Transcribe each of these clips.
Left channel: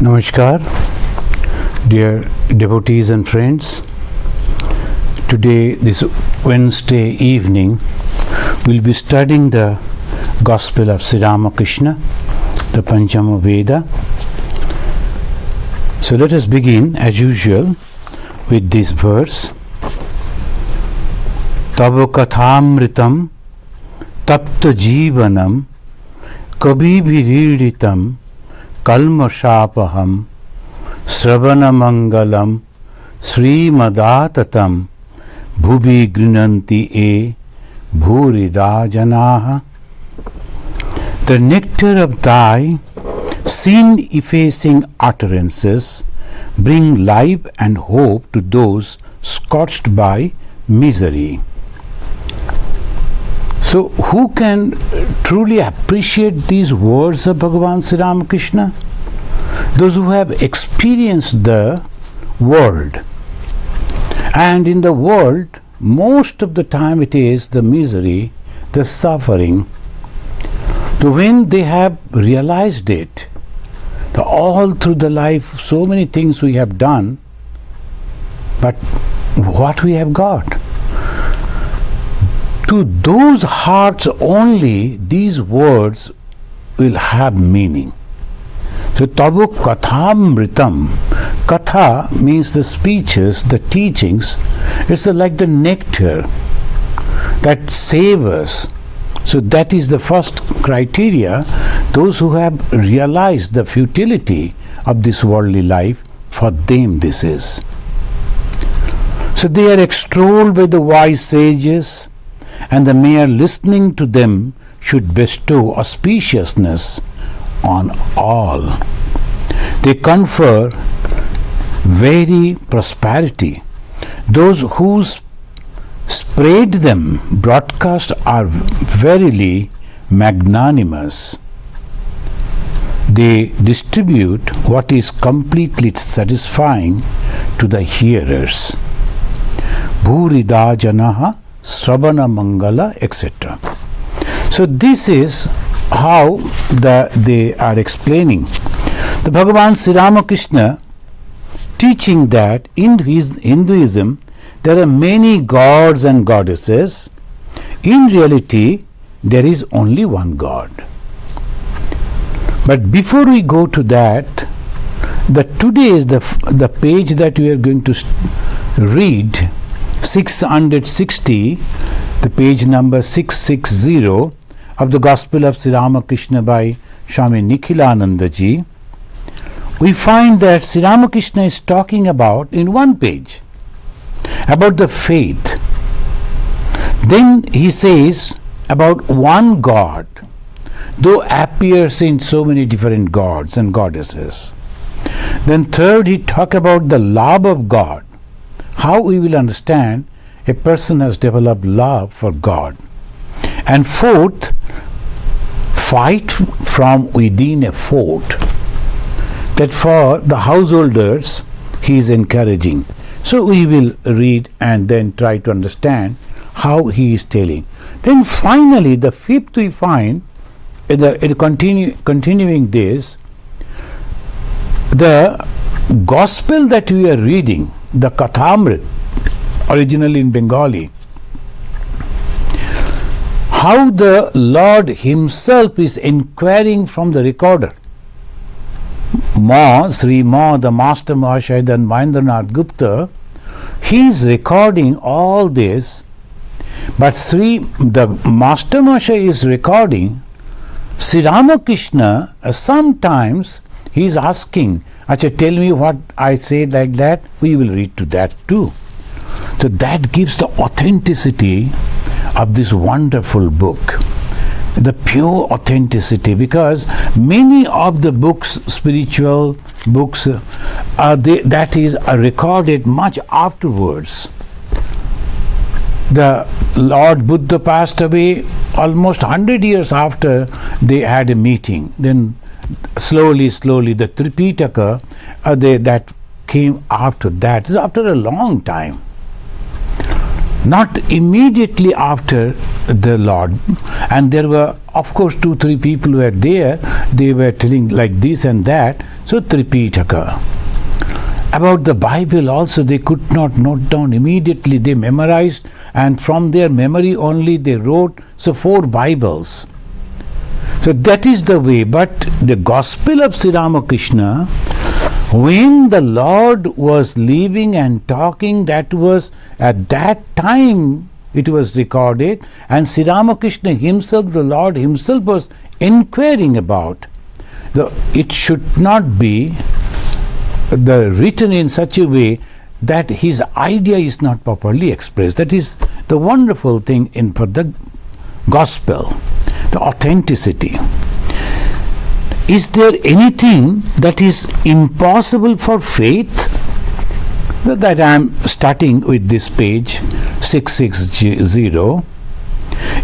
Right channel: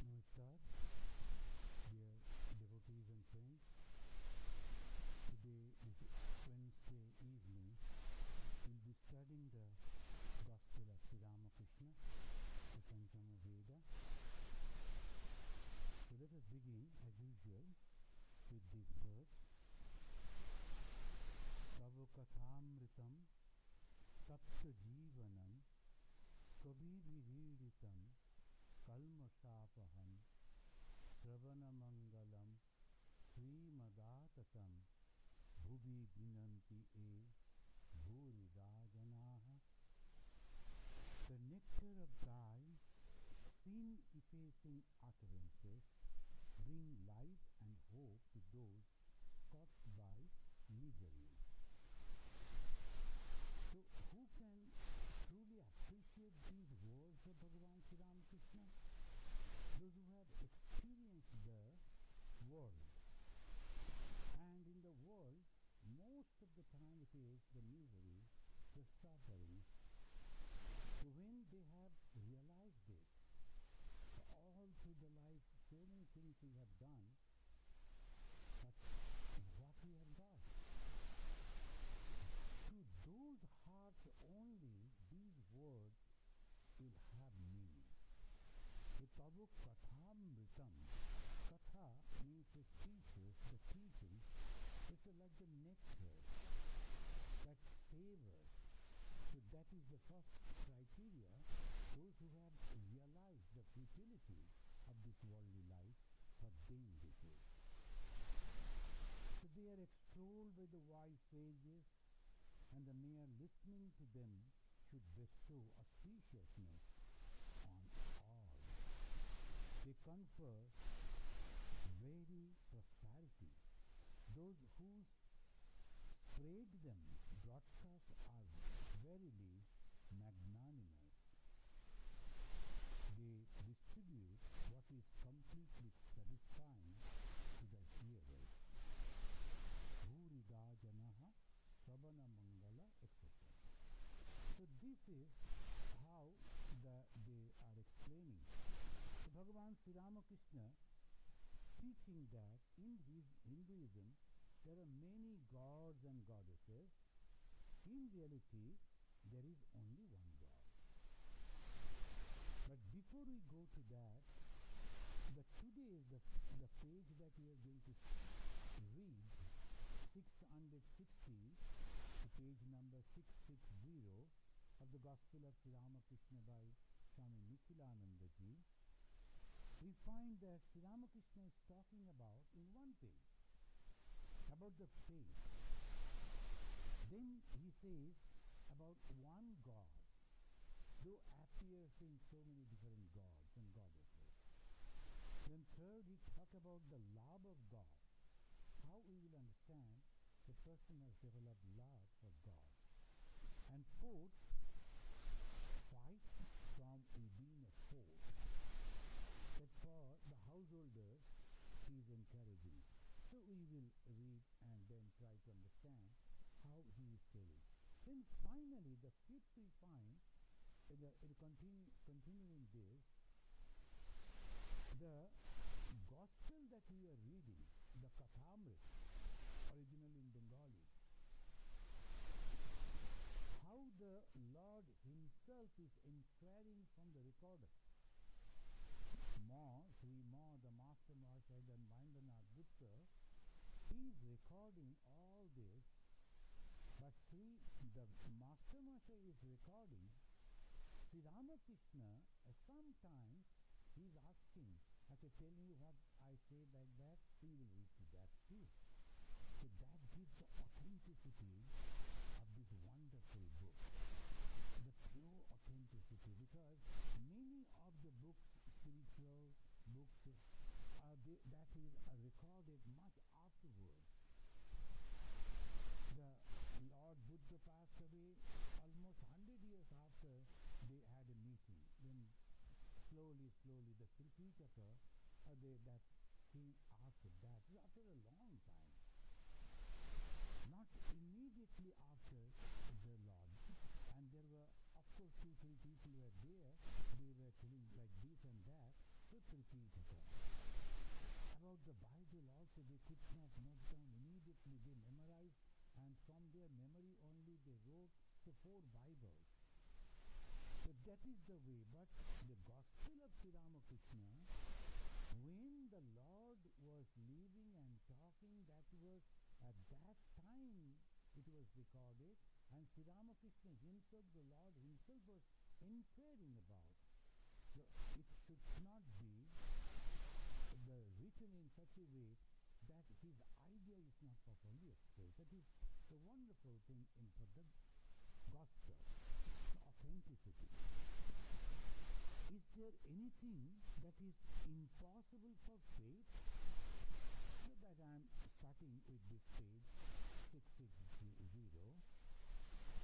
Namaskar, dear devotees and friends. Today, this Wednesday evening, we'll be studying the Gospel of Sri Ramakrishna, the Panchama Veda. So let us begin, as usual, with this verse. Tava kathamritam tapta jivanam kabhi bhiridhitam kalmashapaham sravana mangalam srimadatam bhubi grinanti e bhurida janaha. The nectar of thy sin-effacing utterances bring life and hope to those scorched by misery. So, who can truly appreciate these words of Bhagavan Sri Ramakrishna? Those who have experienced the world. And in the world, most of the time it is the misery, the suffering. So when they have realized it, all through the life, so many things we have done, but what we have got? To those hearts only, these words will have meaning. So, Tava kathamritam. Katha means the speeches, the teachings. It's like the nectar that savors. So, that is the first criteria. Those who have realized the futility of this worldly life, for them this is. So, they are extolled by the wise sages, and the mere listening to them should bestow auspiciousness on all. They confer very prosperity. Those who spread them broadcast are verily magnanimous. They distribute what is completely satisfying to the hearers. Bhurida janaha Sravana Mangala, etc. So this is how they are explaining. The Bhagavan Sri Ramakrishna teaching that in Hinduism there are many gods and goddesses. In reality, there is only one God. But before we go to that, today is the page that we are going to read. 660, the page number 660 of the Gospel of Sri Ramakrishna by Swami Nikhilananda ji, we find that Sri Ramakrishna is talking about, in one page, about the faith. Then he says about one God, though appears in so many different gods and goddesses. Then third, he talks about the love of God. How we will understand a person has developed love for God. And fourth, fight from within a fort. That for the householders, he is encouraging. So we will read and then try to understand how he is telling. Then finally, the fifth we find, continuing this, the gospel that we are reading, the Kathamrit, originally in Bengali, how the Lord himself is inquiring from the recorder. Sri Ma, the Master Mahashaya and Mahendranath Gupta, he is recording all this, but the Master Mahashaya is recording. Sri Ramakrishna, sometimes he is asking, Acha, tell me what I said like that, we will read to that too. So that gives the authenticity of this wonderful book, the pure authenticity, because many of the books, spiritual books, that is recorded much afterwards. The Lord Buddha passed away almost 100 years after they had a meeting. Then slowly, the Tripitaka, that came after that. After a long time. Not immediately after the Lord. And there were of course 2-3 people were there, they were telling like this and that, so Tripitaka. About the Bible also, they could not note down immediately, they memorized, and from their memory only they wrote, so 4 Bibles. So that is the way. But the Gospel of Sri Ramakrishna, when the Lord was living and talking, that was at that time it was recorded, and Sri Ramakrishna himself, the Lord himself, was inquiring about. It should not be written in such a way that his idea is not properly expressed. That is the wonderful thing in the Gospel, the authenticity. Is there anything that is impossible for faith? That I am starting with this page 660.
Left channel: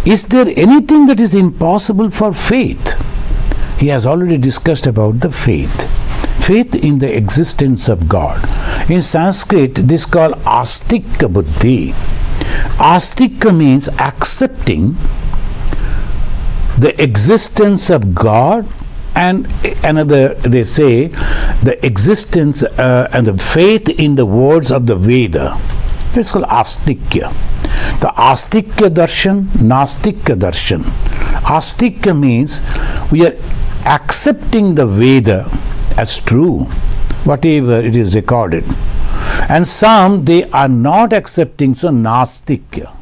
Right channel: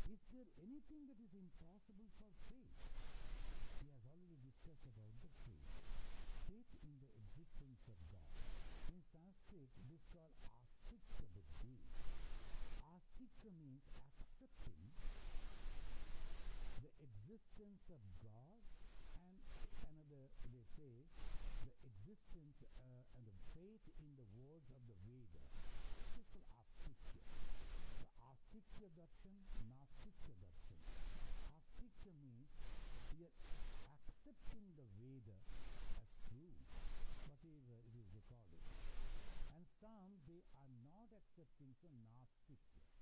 Is there anything that is impossible for faith? He has already discussed about the faith. Faith in the existence of God. In Sanskrit, this is called astika buddhi. Astika means accepting the existence of God, and another, they say, the existence and the faith in the words of the Veda. It's called astikya. The astikya darshan, nastikya darshan. Astikya means we are accepting the Veda as true, whatever it is recorded. And some, they are not accepting, so nastikya.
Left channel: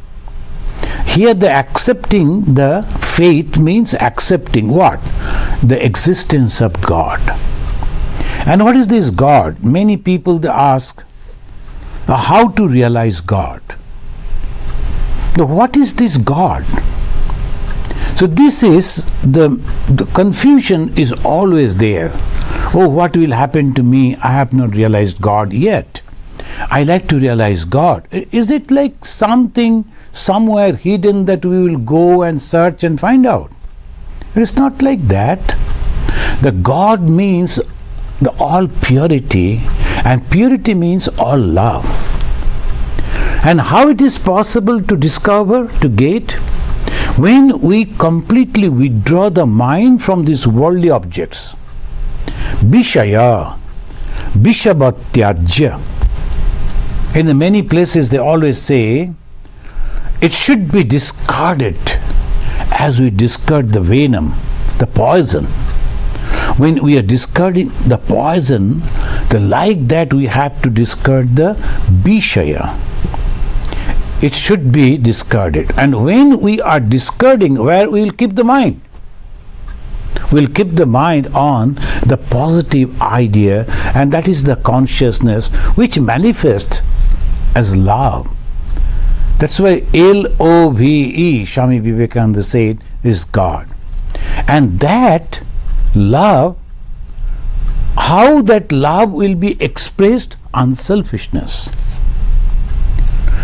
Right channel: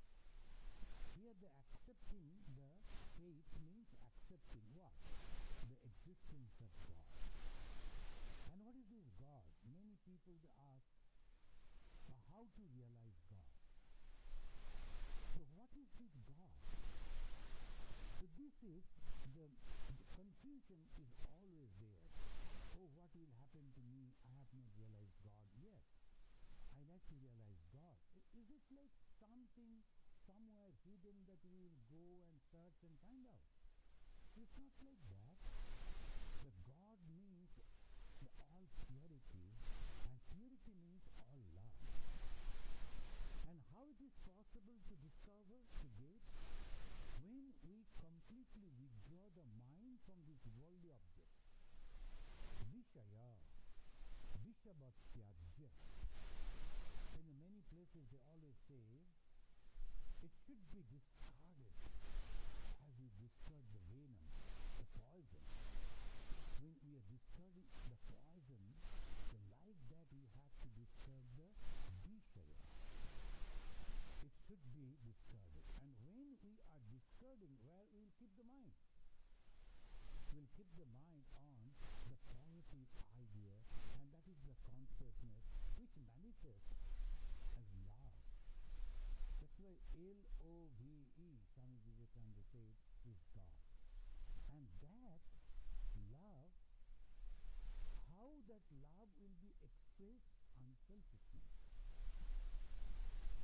Here the accepting the faith means accepting what? The existence of God. And what is this God? Many people, they ask how to realize God. Now, what is this God? So this is the confusion is always there. Oh, what will happen to me? I have not realized God yet. I like to realize God. Is it like something somewhere hidden that we will go and search and find out? It is not like that. The God means the all purity, and purity means all love. And how it is possible to discover, to get? When we completely withdraw the mind from these worldly objects. Bishaya, Bishabatyajya. In the many places they always say, it should be discarded as we discard the venom, the poison. When we are discarding the poison, like that we have to discard the Bishaya. It should be discarded. And when we are discarding, where we will keep the mind? We'll keep the mind on the positive idea, and that is the consciousness which manifests as love. That's why L-O-V-E, Swami Vivekananda said, is God. And that love, how that love will be expressed? Unselfishness.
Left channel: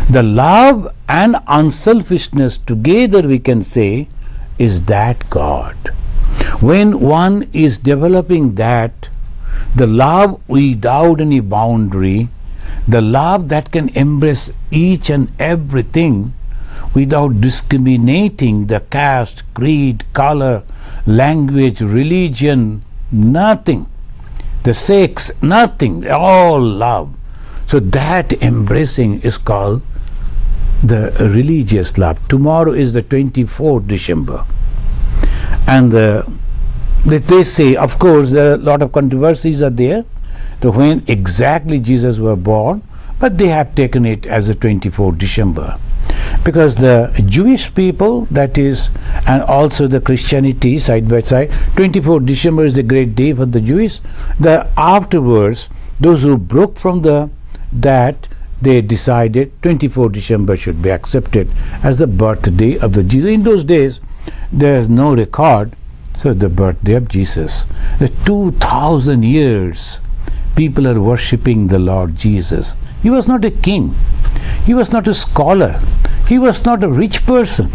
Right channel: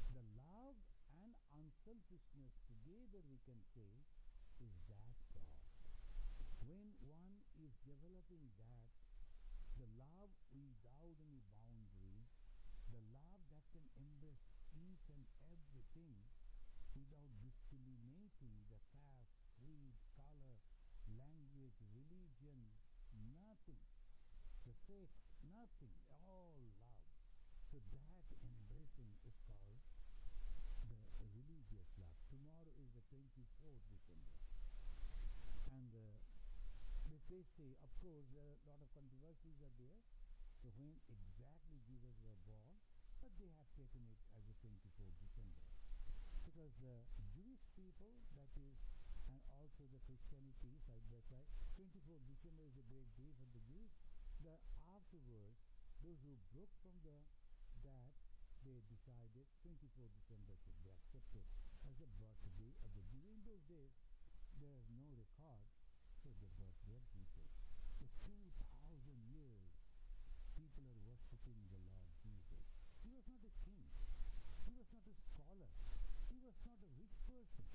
The love and unselfishness together, we can say, is that God. When one is developing that, the love without any boundary, the love that can embrace each and everything without discriminating the caste, creed, color, language, religion, nothing, the sex, nothing, all love. So that embracing is called the religious love. Tomorrow is the 24th December. And they say, of course, there are a lot of controversies are there, to when exactly Jesus was born, but they have taken it as the 24th December. Because the Jewish people, that is, and also the Christianity side by side, 24th December is a great day for the Jewish. Afterwards, those who broke from that, they decided 24th December should be accepted as the birthday of the Jesus. In those days, there is no record, so the birthday of Jesus. The 2,000 years, people are worshipping the Lord Jesus. He was not a king. He was not a scholar. He was not a rich person.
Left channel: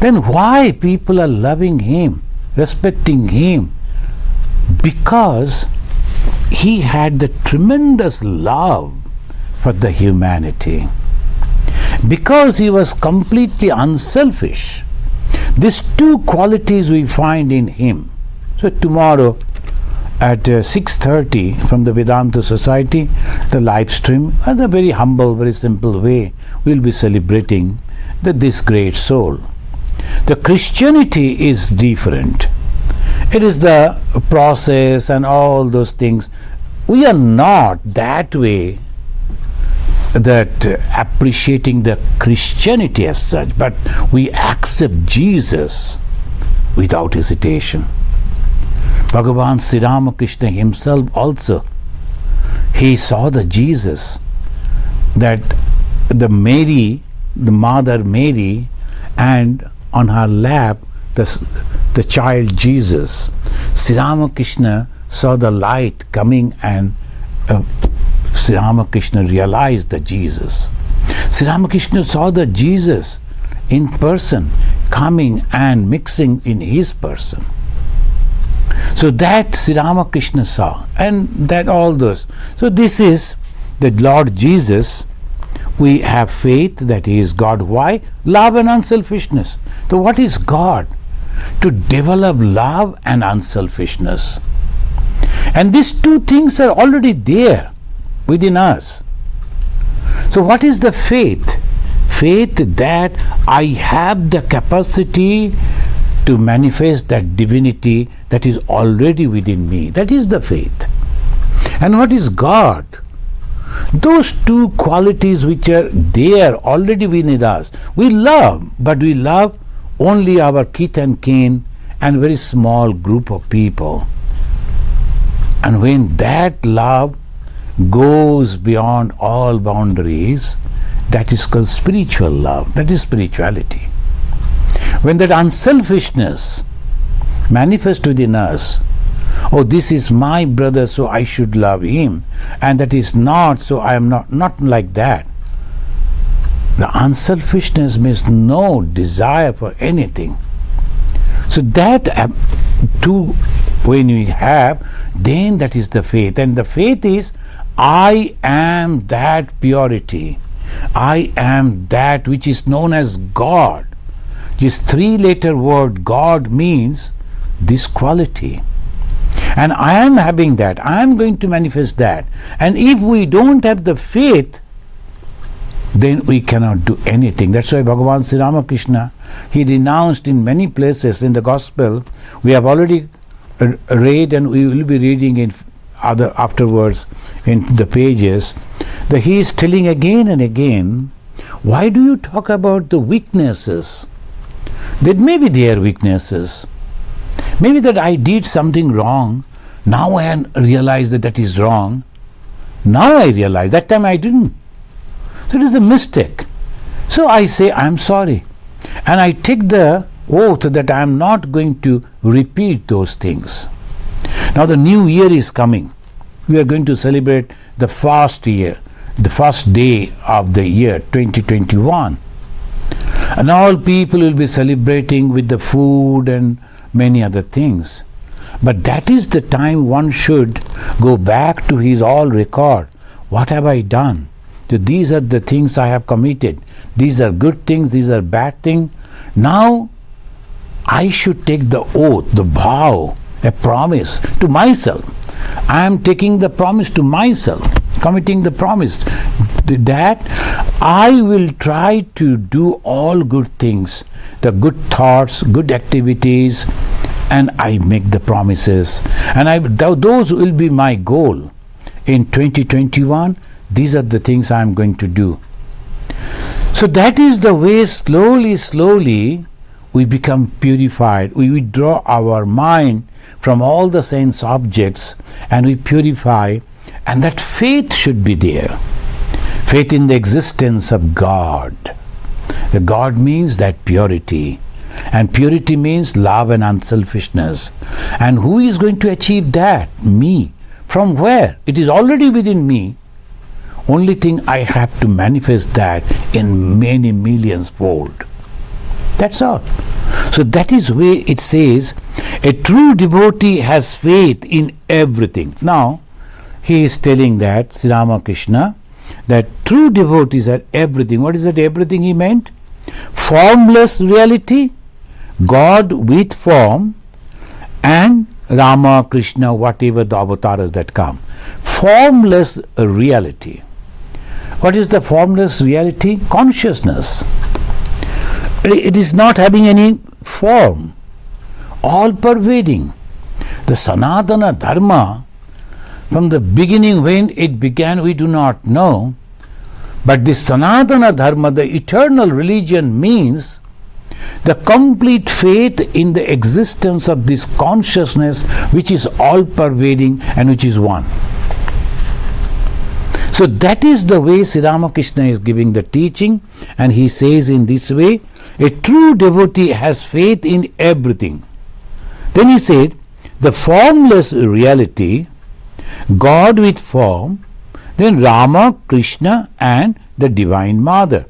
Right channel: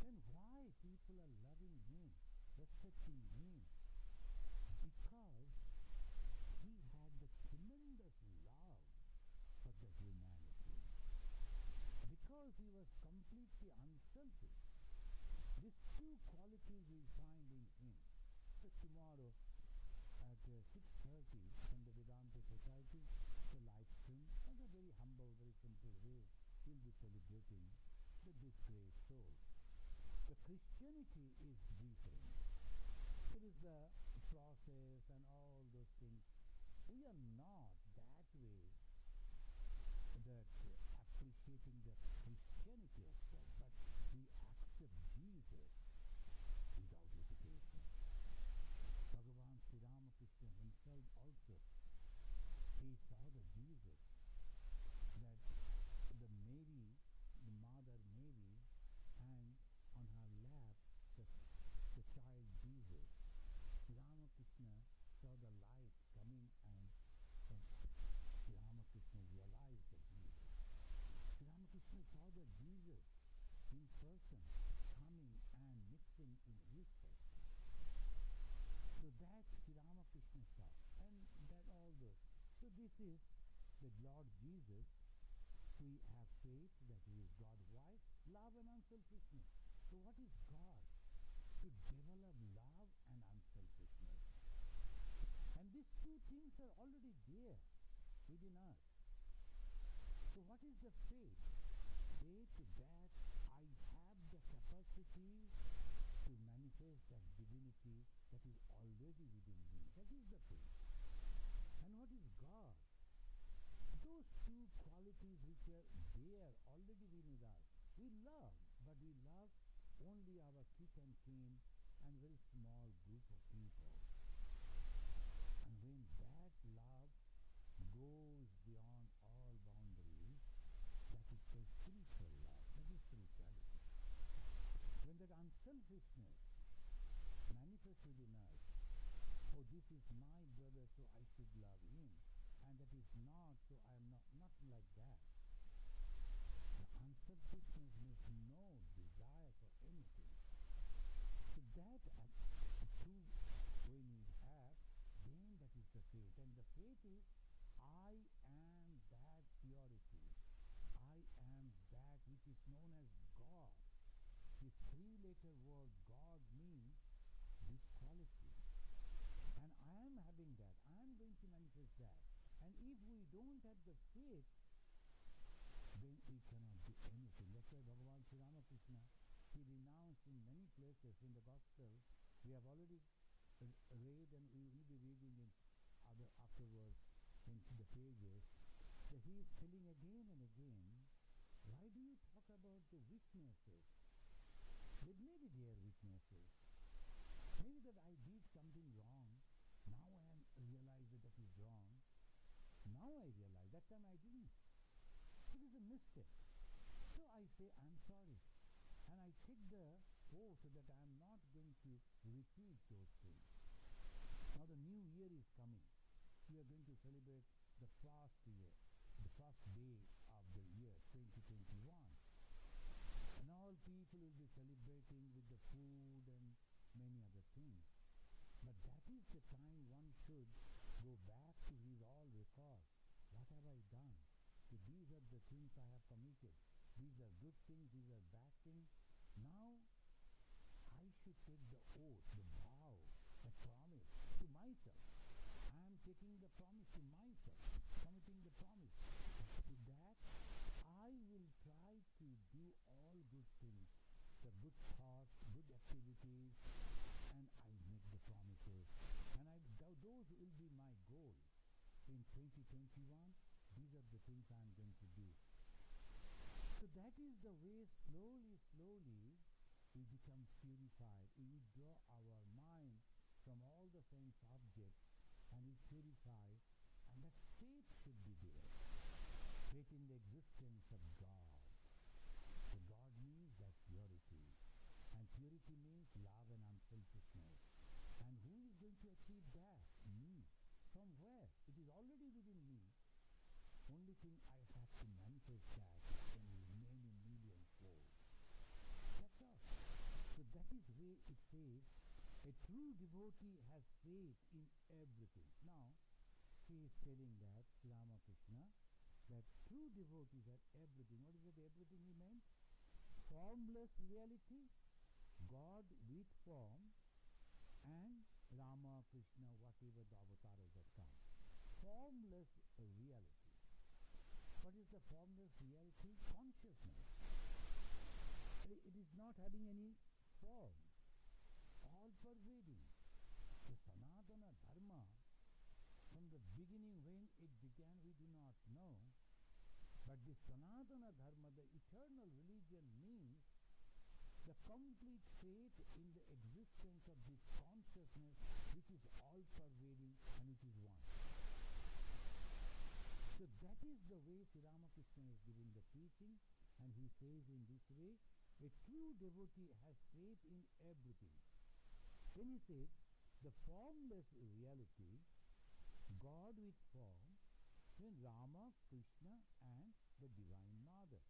Then why people are loving him, respecting him? Because he had the tremendous love for the humanity. Because he was completely unselfish. These two qualities we find in him. So tomorrow at 6:30 from the Vedanta Society, the live stream, in a very humble, very simple way, we'll be celebrating this great soul. The Christianity is different. It is the process and all those things. We are not that way, that appreciating the Christianity as such, but we accept Jesus without hesitation. Bhagavan Sri Ramakrishna himself also, he saw the Jesus, that the Mary, the Mother Mary, and on her lap the child Jesus. Sri Ramakrishna saw the light coming, and Sri Ramakrishna realized the Jesus. Sri Ramakrishna saw the Jesus in person coming and mixing in his person. So that Sri Ramakrishna saw, and that all those. So this is the Lord Jesus. We have faith that he is God. Why? Love and unselfishness. So what is God? To develop love and unselfishness. And these two things are already there within us. So what is the faith? Faith that I have the capacity to manifest that divinity that is already within me. That is the faith. And what is God? Those two qualities which are there already within us. We love, but we love only our kith and kin and very small group of people. And when that love goes beyond all boundaries, that is called spiritual love. That is spirituality. When that unselfishness manifests within us, oh, this is my brother, so I should love him, and that is not, so I am not like that. The unselfishness means no desire for anything. So that two, when we have, then that is the faith. And the faith is, I am that purity. I am that which is known as God. This three-letter word God means this quality. And I am having that. I am going to manifest that. And if we don't have the faith, then we cannot do anything. That's why Bhagavan Sri Ramakrishna, he renounced in many places in the Gospel. We have already read, and we will be reading in other afterwards in the pages, that he is telling again and again, why do you talk about the weaknesses? That maybe they are weaknesses. Maybe that I did something wrong. Now I realize that that is wrong. Now I realize. That time I didn't. So it is a mistake. So I say, I am sorry. And I take the oath that I am not going to repeat those things. Now the new year is coming. We are going to celebrate the first year, the first day of the year 2021. And all people will be celebrating with the food and many other things. But that is the time one should go back to his all record. What have I done? So these are the things I have committed. These are good things, these are bad things. Now I should take the oath, the vow, a promise to myself. I am taking the promise to myself, committing the promise that I will try to do all good things, the good thoughts, good activities, and I make the promises. And those will be my goal. In 2021, these are the things I am going to do. So that is the way slowly we become purified. We withdraw our mind from all the sense objects and we purify, and that faith should be there. Faith in the existence of God. The God means that purity. And purity means love and unselfishness. And who is going to achieve that? Me. From where? It is already within me. Only thing I have to manifest that in many millions fold. That's all. So that is where it says, a true devotee has faith in everything. Now, he is telling that, Sri Ramakrishna, that true devotees are everything. What is that everything he meant? Formless reality, God with form, and Rama, Krishna, whatever the avatars that come. Formless reality. What is the formless reality? Consciousness. It is not having any form, all pervading. The Sanatana Dharma, from the beginning when it began, we do not know. But this Sanatana Dharma, the eternal religion, means the complete faith in the existence of this consciousness which is all pervading and which is one. So that is the way Sri Ramakrishna is giving the teaching, and he says in this way, a true devotee has faith in everything. Then he said, the formless reality, God with form, then Rama, Krishna, and the Divine Mother.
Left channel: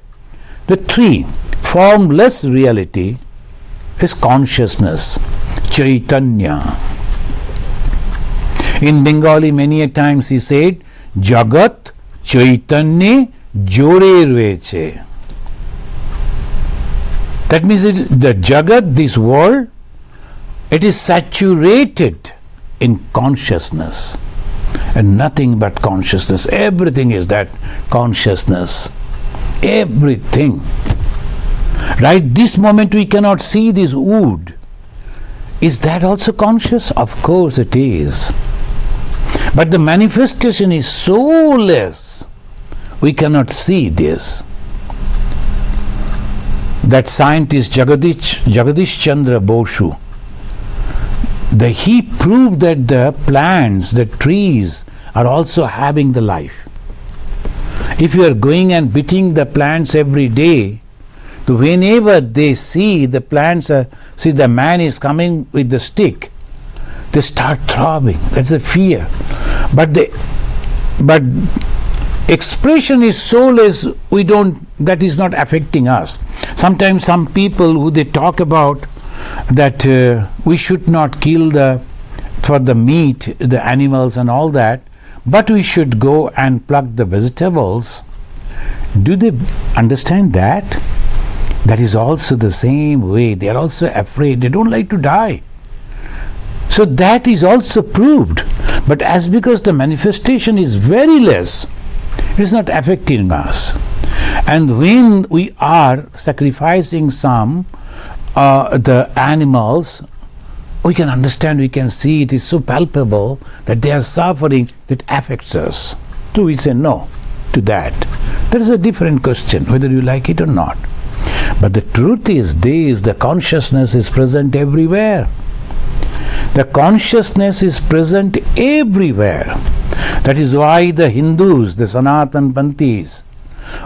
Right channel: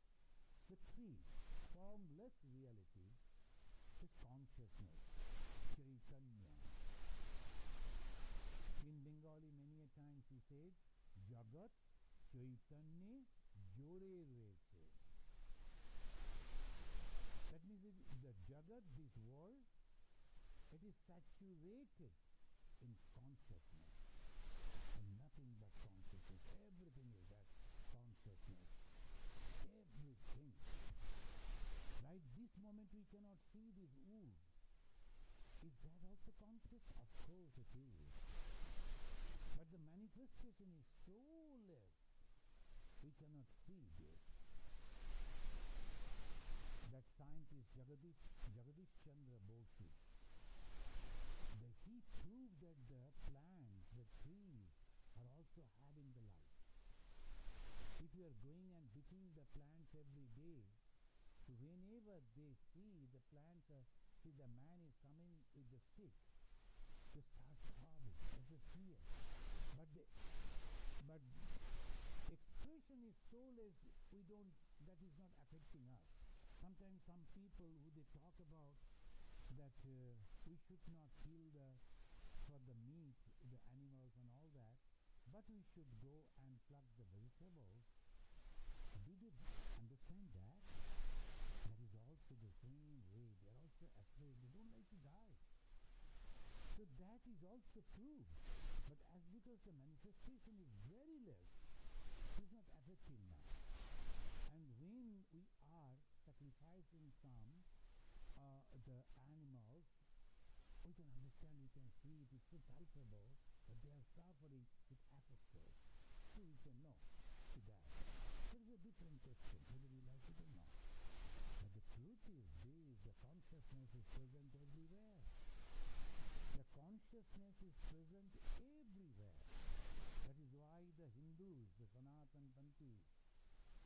The three, formless reality is consciousness, Chaitanya. In Bengali, many a times he said, Jagat Chaitanya Jore Reche. That means the Jagat, this world, it is saturated in consciousness. And nothing but consciousness. Everything is that consciousness. Everything. Right this moment we cannot see this wood. Is that also conscious? Of course it is. But the manifestation is so less, we cannot see this. That scientist Jagadish Chandra Bosu, he proved that the plants, the trees are also having the life. If you are going and beating the plants every day, whenever they see the plants, see the man is coming with the stick, they start throbbing. That's a fear. But expression is so less, that is not affecting us. Sometimes some people who they talk about that we should not kill for the meat, the animals and all that, but we should go and pluck the vegetables. Do they understand that? That is also the same way. They are also afraid. They don't like to die. So that is also proved. But as because the manifestation is very less, it is not affecting us. And when we are sacrificing the animals, we can understand, we can see, it is so palpable that they are suffering, that affects us. So we say no to that. That is a different question, whether you like it or not. But the truth is this, the consciousness is present everywhere. The consciousness is present everywhere. That is why the Hindus, the Sanatan Panthis,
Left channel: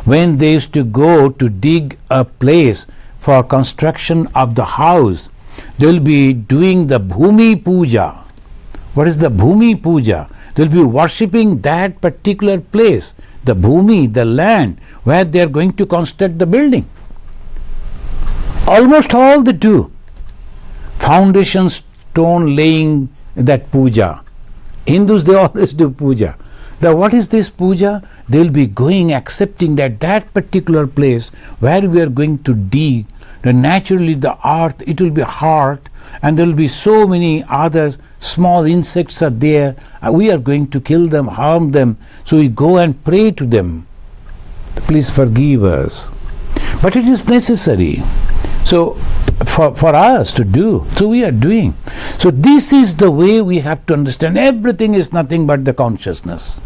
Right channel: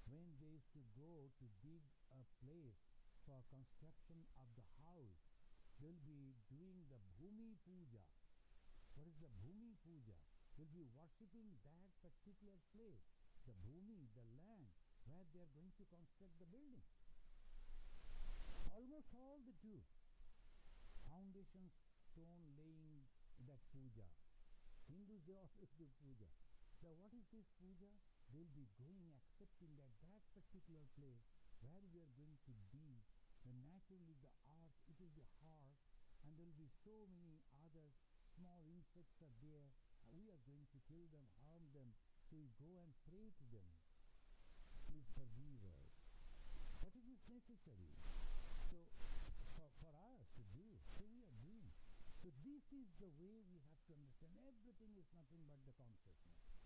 when they used to go to dig a place for construction of the house, they will be doing the Bhumi Puja. What is the Bhumi Puja? They will be worshipping that particular place, the Bhumi, the land, where they are going to construct the building. Almost all they do. Foundation stone laying, that puja. Hindus, they always do puja. Now what is this puja? They will be going, accepting that particular place where we are going to dig, naturally the earth, it will be hard, and there will be so many other small insects are there. We are going to kill them, harm them. So we go and pray to them. Please forgive us. But it is necessary. So for us to do, so we are doing. So this is the way we have to understand. Everything is nothing but the consciousness.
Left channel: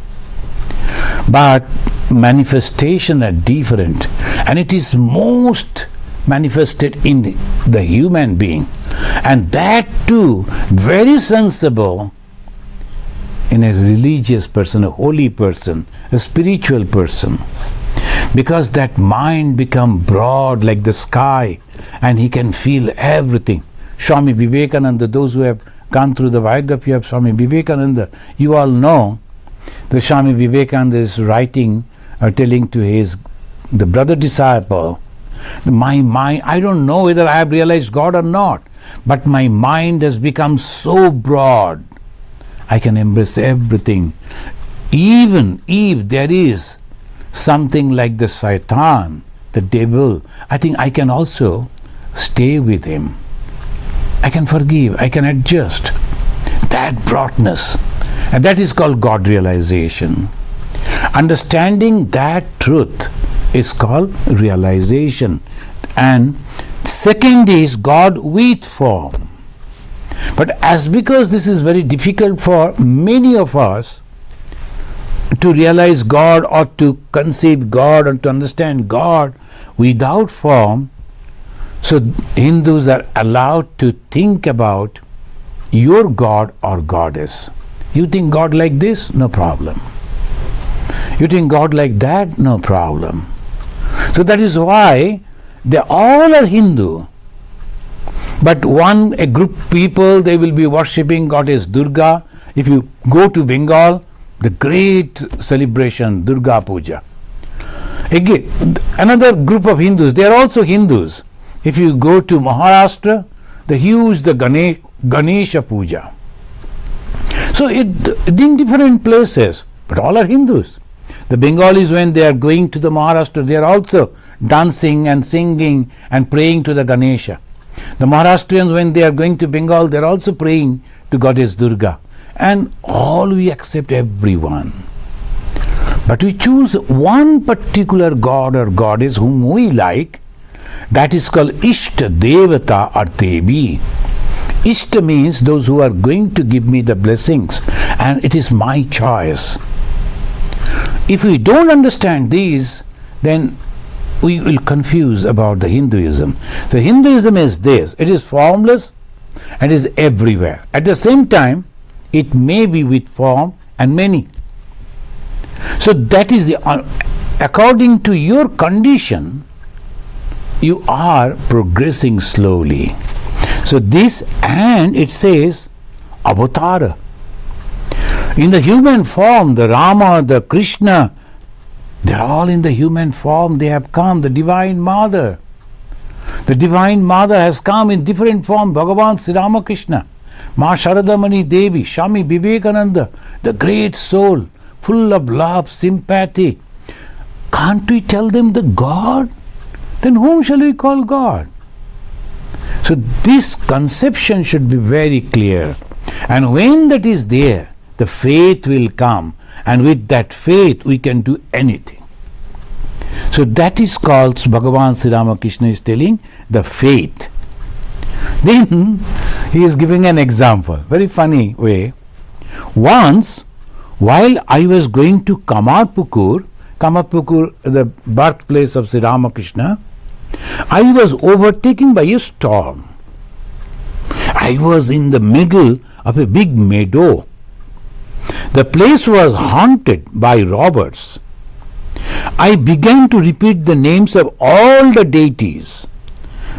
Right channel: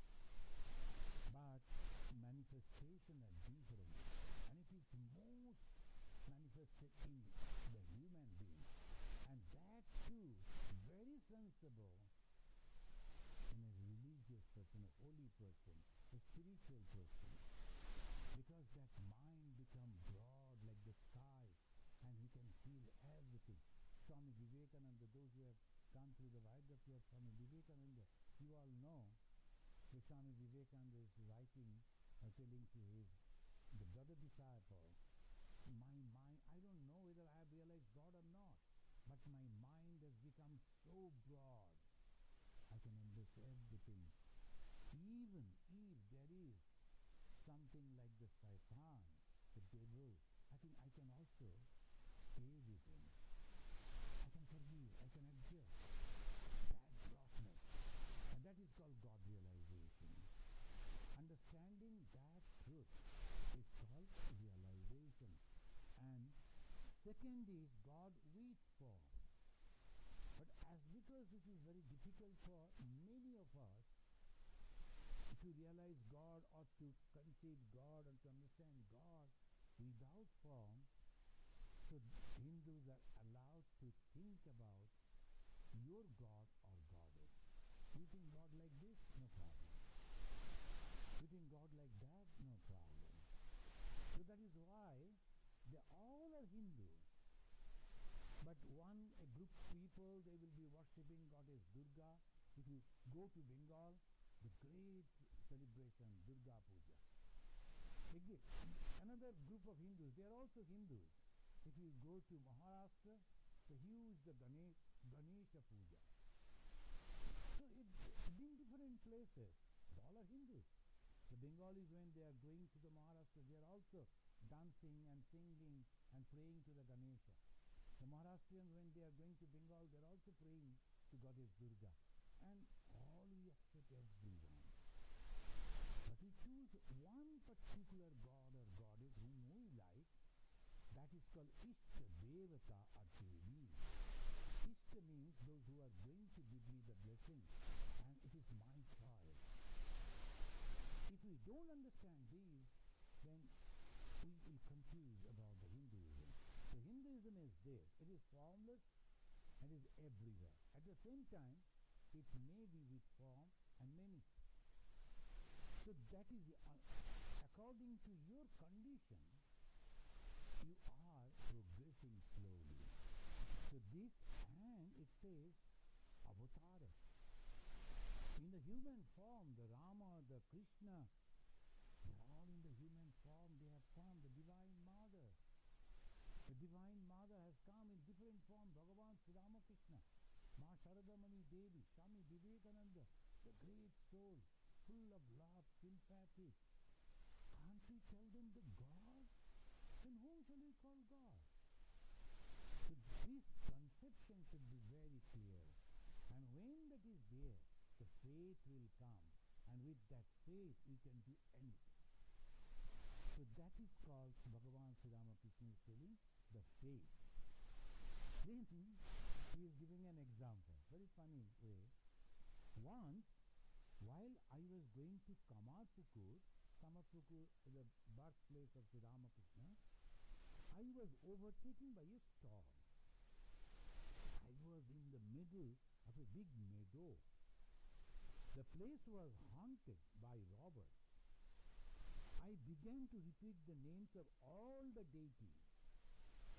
But manifestation are different, and it is most manifested in the human being, and that too very sensible in a religious person, a holy person, a spiritual person, because that mind become broad like the sky and he can feel everything. Swami Vivekananda, those who have gone through the biography of Swami Vivekananda, you all know that Swami Vivekananda is writing or telling to the brother disciple, my mind, I don't know whether I have realized God or not, but my mind has become so broad, I can embrace everything. Even if there is something like the Satan, the devil, I think I can also stay with him. I can forgive, I can adjust. That broadness. And that is called God realization. Understanding that truth is called realization. And second is God with form. But because this is very difficult for many of us to realize God or to conceive God or to understand God without form, so Hindus are allowed to think about your God or goddess. You think God like this? No problem. You think God like that? No problem. So that is why they all are Hindu. But a group people, they will be worshipping goddess Durga. If you go to Bengal, the great celebration, Durga Puja. Again, another group of Hindus, they are also Hindus. If you go to Maharashtra, the Ganesha Puja. So in different places, but all are Hindus. The Bengalis, when they are going to the Maharashtra, they are also dancing and singing and praying to the Ganesha. The Maharashtrians, when they are going to Bengal, they are also praying to goddess Durga. And all we accept everyone. But we choose one particular god or goddess whom we like. That is called Ishta Devata or Devi. Ishta means those who are going to give me the blessings, and it is my choice. If we don't understand these, then we will confuse about the Hinduism. The Hinduism is this, it is formless and is everywhere. At the same time, it may be with form and many. So that is according to your condition, you are progressing slowly. So this, and it says avatara. In the human form, the Rama, the Krishna, they are all in the human form. They have come, the Divine Mother. The Divine Mother has come in different form. Bhagavan Sri Ramakrishna, Ma Sharadamani Devi, Swami Vivekananda, the great soul, full of love, sympathy. Can't we tell them the God? Then whom shall we call God? So this conception should be very clear. And when that is there, the faith will come. And with that faith, we can do anything. So that is called, Bhagavan Sri Ramakrishna is telling, the faith. Then he is giving an example, very funny way. Once, while I was going to Kamarpukur, the birthplace of Sri Ramakrishna, I was overtaken by a storm. I was in the middle of a big meadow. The place was haunted by robbers. I began to repeat the names of all the deities,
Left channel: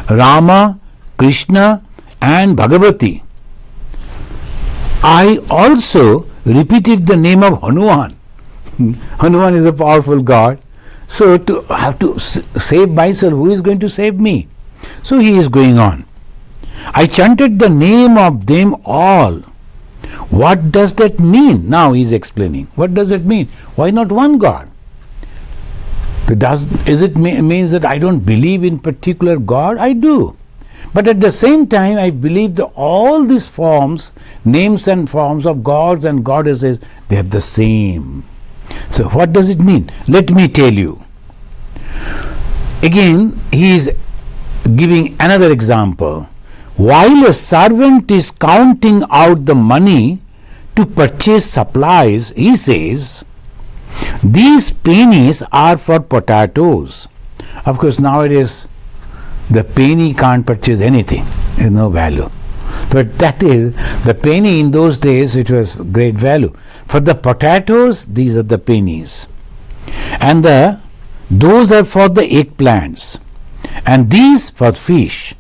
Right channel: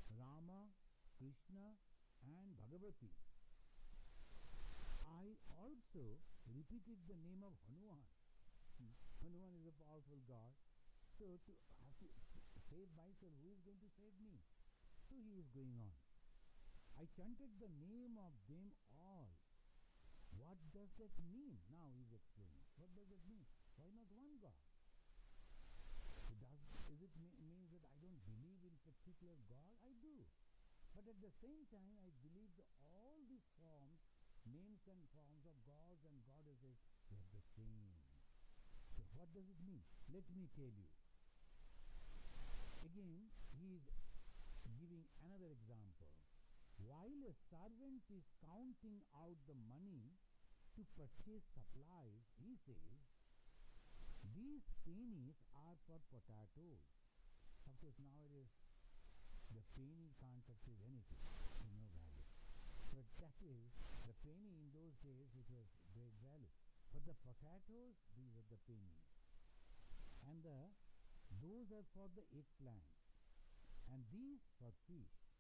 Rama, Krishna and Bhagavati. I also repeated the name of Hanuman. Hanuman is a powerful god. So to have to save myself, who is going to save me? So he is going on. I chanted the name of them all. What does that mean? Now he is explaining. What does it mean? Why not one God? Means that I don't believe in particular God? I do. But at the same time, I believe that all these forms, names and forms of gods and goddesses, they are the same. So what does it mean? Let me tell you. Again, he is giving another example. While a servant is counting out the money to purchase supplies, he says, these pennies are for potatoes. Of course, nowadays, the penny can't purchase anything. There is no value. But that is, the penny in those days, it was great value. For the potatoes, these are the pennies. And those are for the eggplants. And these for fish.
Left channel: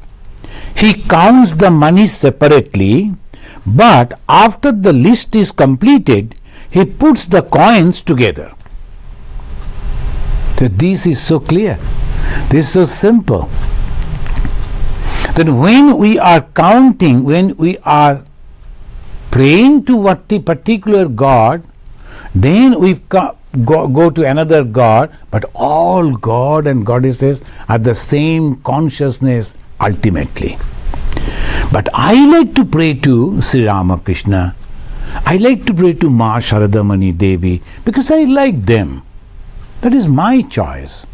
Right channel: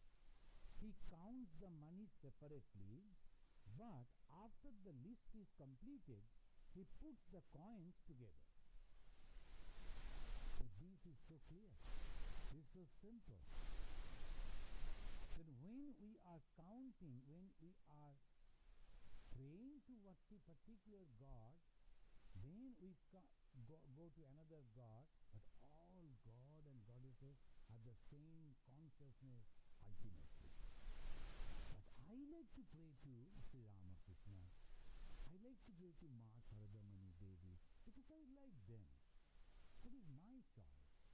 He counts the money separately, but after the list is completed, he puts the coins together. So this is so clear. This is so simple. Then when we are counting, when we are praying to what the particular God, then we go to another God, but all God and goddesses are the same consciousness ultimately. But I like to pray to Sri Ramakrishna. I like to pray to Ma Sharadamani Devi because I like them. That is my choice.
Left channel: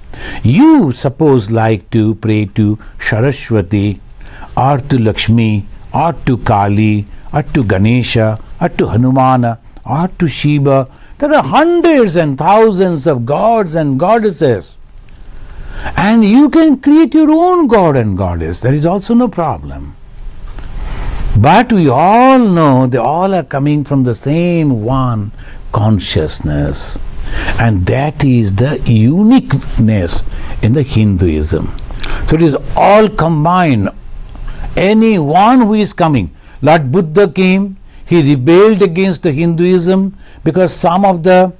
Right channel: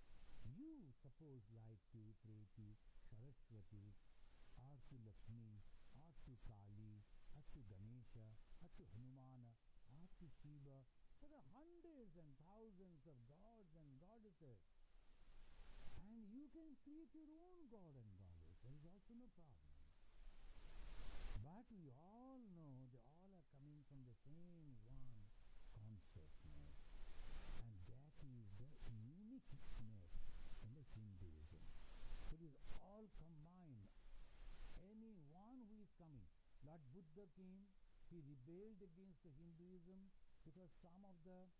You suppose like to pray to Saraswati or to Lakshmi or to Kali or to Ganesha or to Hanumana or to Shiva. There are hundreds and thousands of gods and goddesses. And you can create your own god and goddess. There is also no problem. But we all know they all are coming from the same one consciousness. And that is the uniqueness in the Hinduism. So it is all combined. Anyone who is coming. Lord Buddha came, he rebelled against the Hinduism because some of the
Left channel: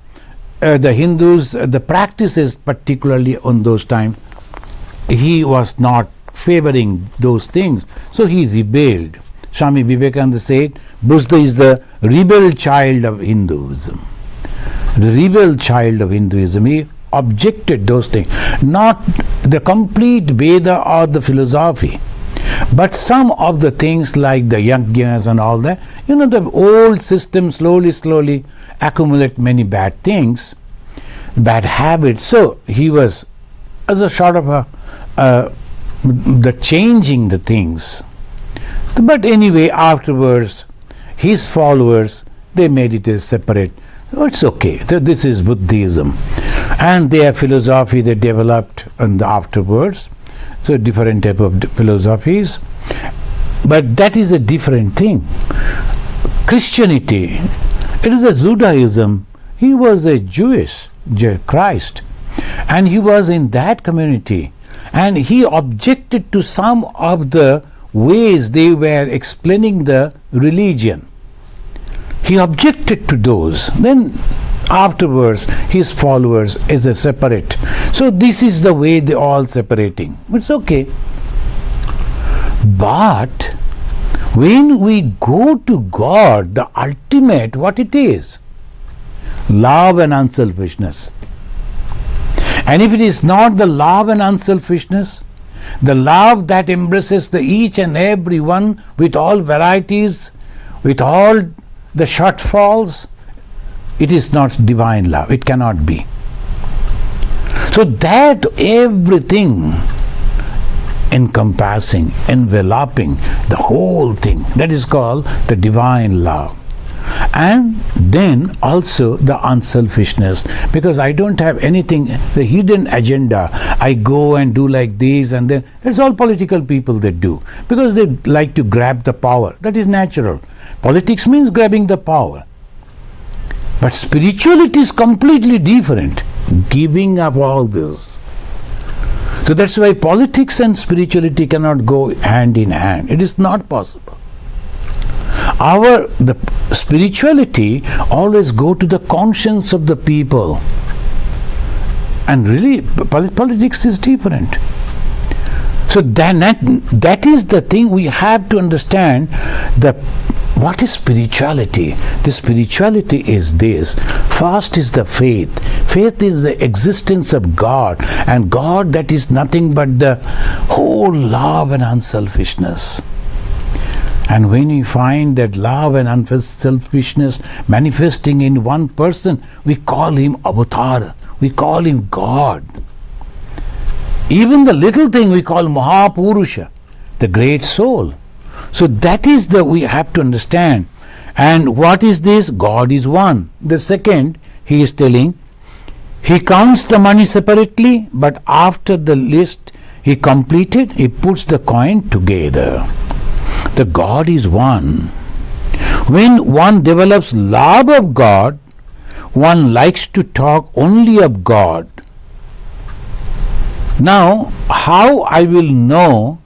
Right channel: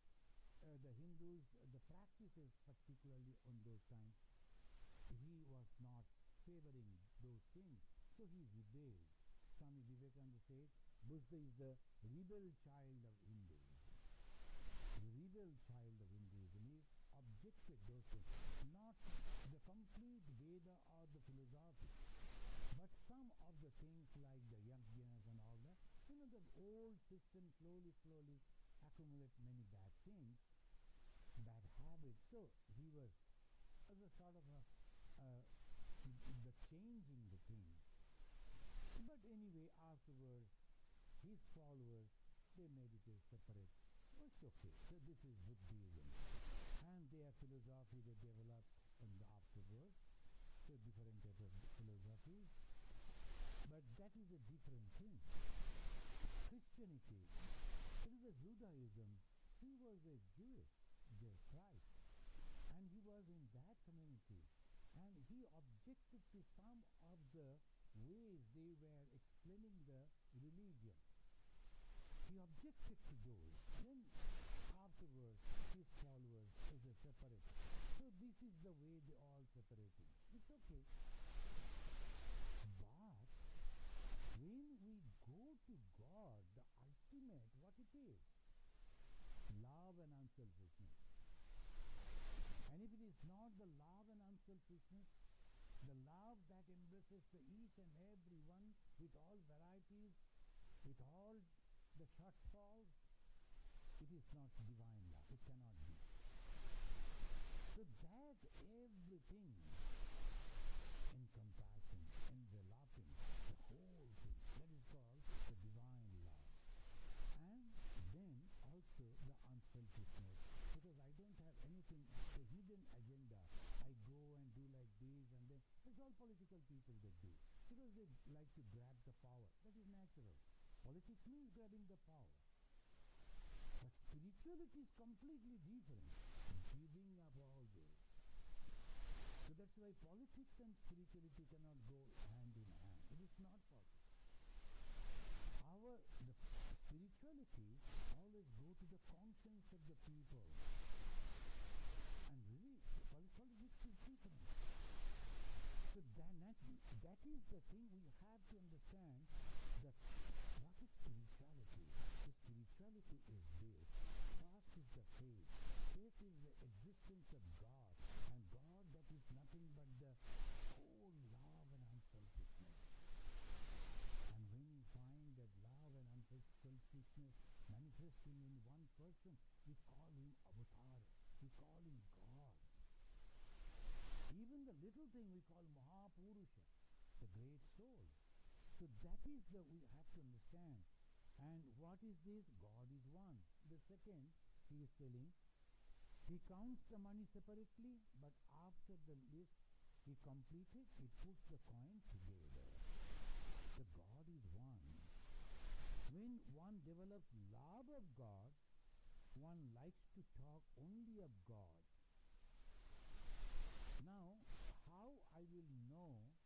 Hindus, the practices particularly on those times, he was not favoring those things. So he rebelled. Swami Vivekananda said, Buddha is the rebel child of Hinduism. The rebel child of Hinduism. He objected those things. Not the complete Veda or the philosophy, but some of the things like the yajnas and all that. You know, the old system slowly accumulate many bad things, bad habits. So he was as a sort of the changing the things. But anyway, afterwards, his followers, they made it as separate. Oh, it's okay. This is Buddhism. And their philosophy they developed afterwards. So different type of philosophies. But that is a different thing. Christianity, it is a Judaism. He was a Jewish Christ. And he was in that community. And he objected to some of the ways they were explaining the religion. He objected to those. Then afterwards, his followers is a separate. So this is the way they all separating. It's okay. But when we go to God, the ultimate, what it is? Love and unselfishness. And if it is not the love and unselfishness, the love that embraces the each and every one with all varieties, with all the shortfalls, it is not divine love. It cannot be. So that everything encompassing, enveloping the whole thing, that is called the divine love. And then also the unselfishness, because I don't have anything, the hidden agenda. I go and do like this and then. That's all political people that do, because they like to grab the power. That is natural. Politics means grabbing the power. But spirituality is completely different. Giving up all this. So that's why politics and spirituality cannot go hand in hand. It is not possible. The spirituality always go to the conscience of the people. And really, politics is different. So that is the thing we have to understand. What is spirituality? The spirituality is this. First is the faith. Faith is the existence of God. And God, that is nothing but the whole love and unselfishness. And when we find that love and unselfishness manifesting in one person, we call him Avatar. We call him God. Even the little thing we call Mahapurusha, the great soul. So that is we have to understand. And what is this? God is one. The second, he is telling, he counts the money separately, but after the list he completed, he puts the coin together. The God is one. When one develops love of God, one likes to talk only of God. Now, how I will know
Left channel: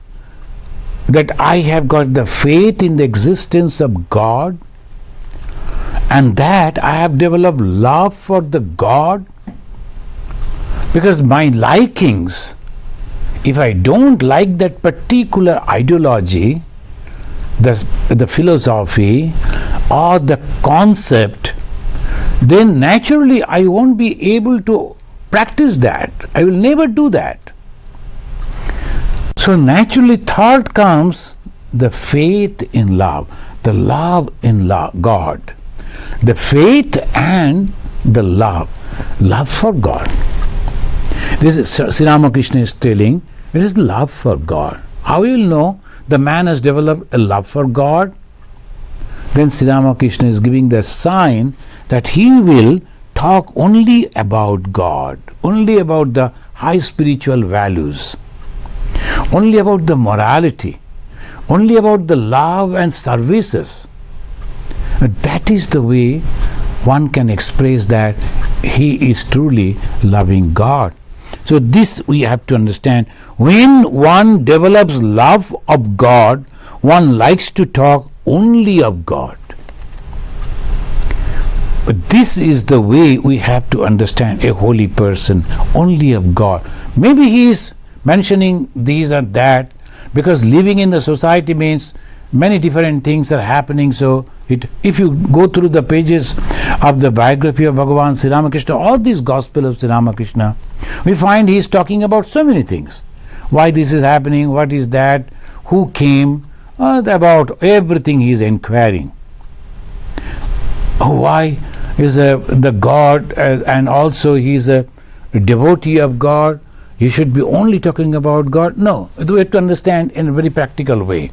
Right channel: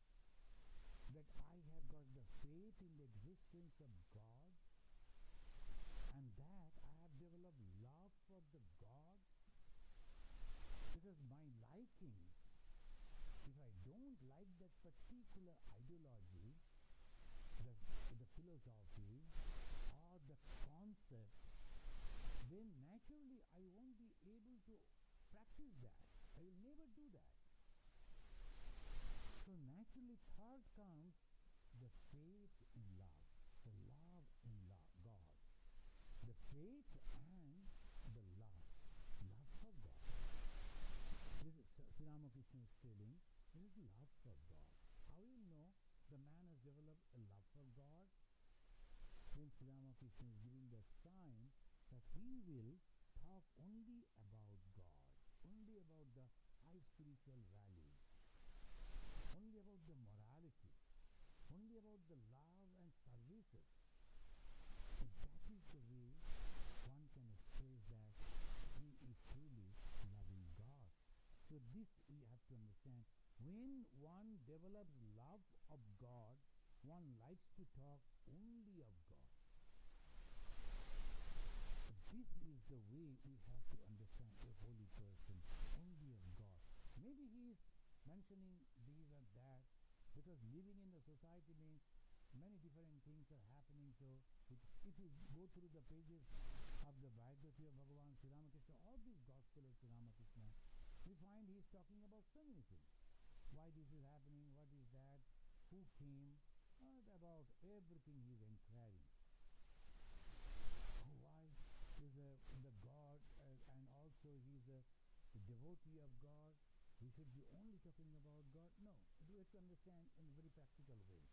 that I have got the faith in the existence of God and that I have developed love for the God? Because my likings, if I don't like that particular ideology, the philosophy or the concept, then naturally I won't be able to practice that. I will never do that. So naturally third comes the faith in love, the love in God. The faith and the love for God. This is Sri Ramakrishna is telling, it is love for God. How you will know the man has developed a love for God? Then Sri Ramakrishna is giving the sign that he will talk only about God, only about the high spiritual values, only about the morality, only about the love and services. That is the way one can express that he is truly loving God. So this we have to understand. When one develops love of God, one likes to talk only of God. But this is the way we have to understand a holy person, only of God. Maybe he is mentioning these or that because living in the society means many different things are happening. So if you go through the pages of the biography of Bhagavan Sri Ramakrishna, all this gospel of Sri Ramakrishna, we find he is talking about so many things. Why this is happening, what is that, who came, about everything he is inquiring. Why is the God, and also he is a devotee of God. He should be only talking about God. No, we have to understand in a very practical way.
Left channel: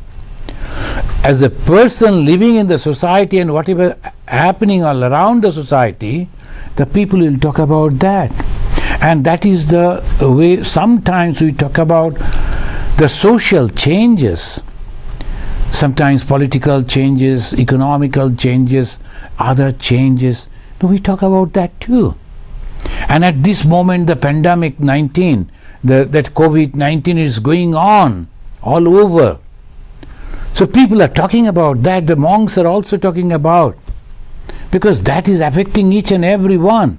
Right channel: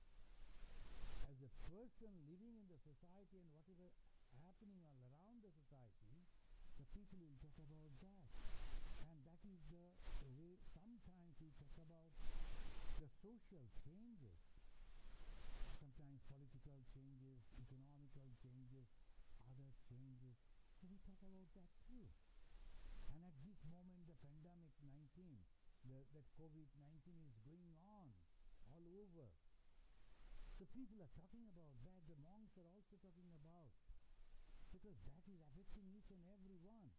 As a person living in the society and whatever happening all around the society, the people will talk about that. And that is the way sometimes we talk about the social changes, sometimes political changes, economical changes, other changes. We talk about that too. And at this moment, the pandemic 19, that COVID-19 is going on all over. So people are talking about that. The monks are also talking about, because that is affecting each and every one.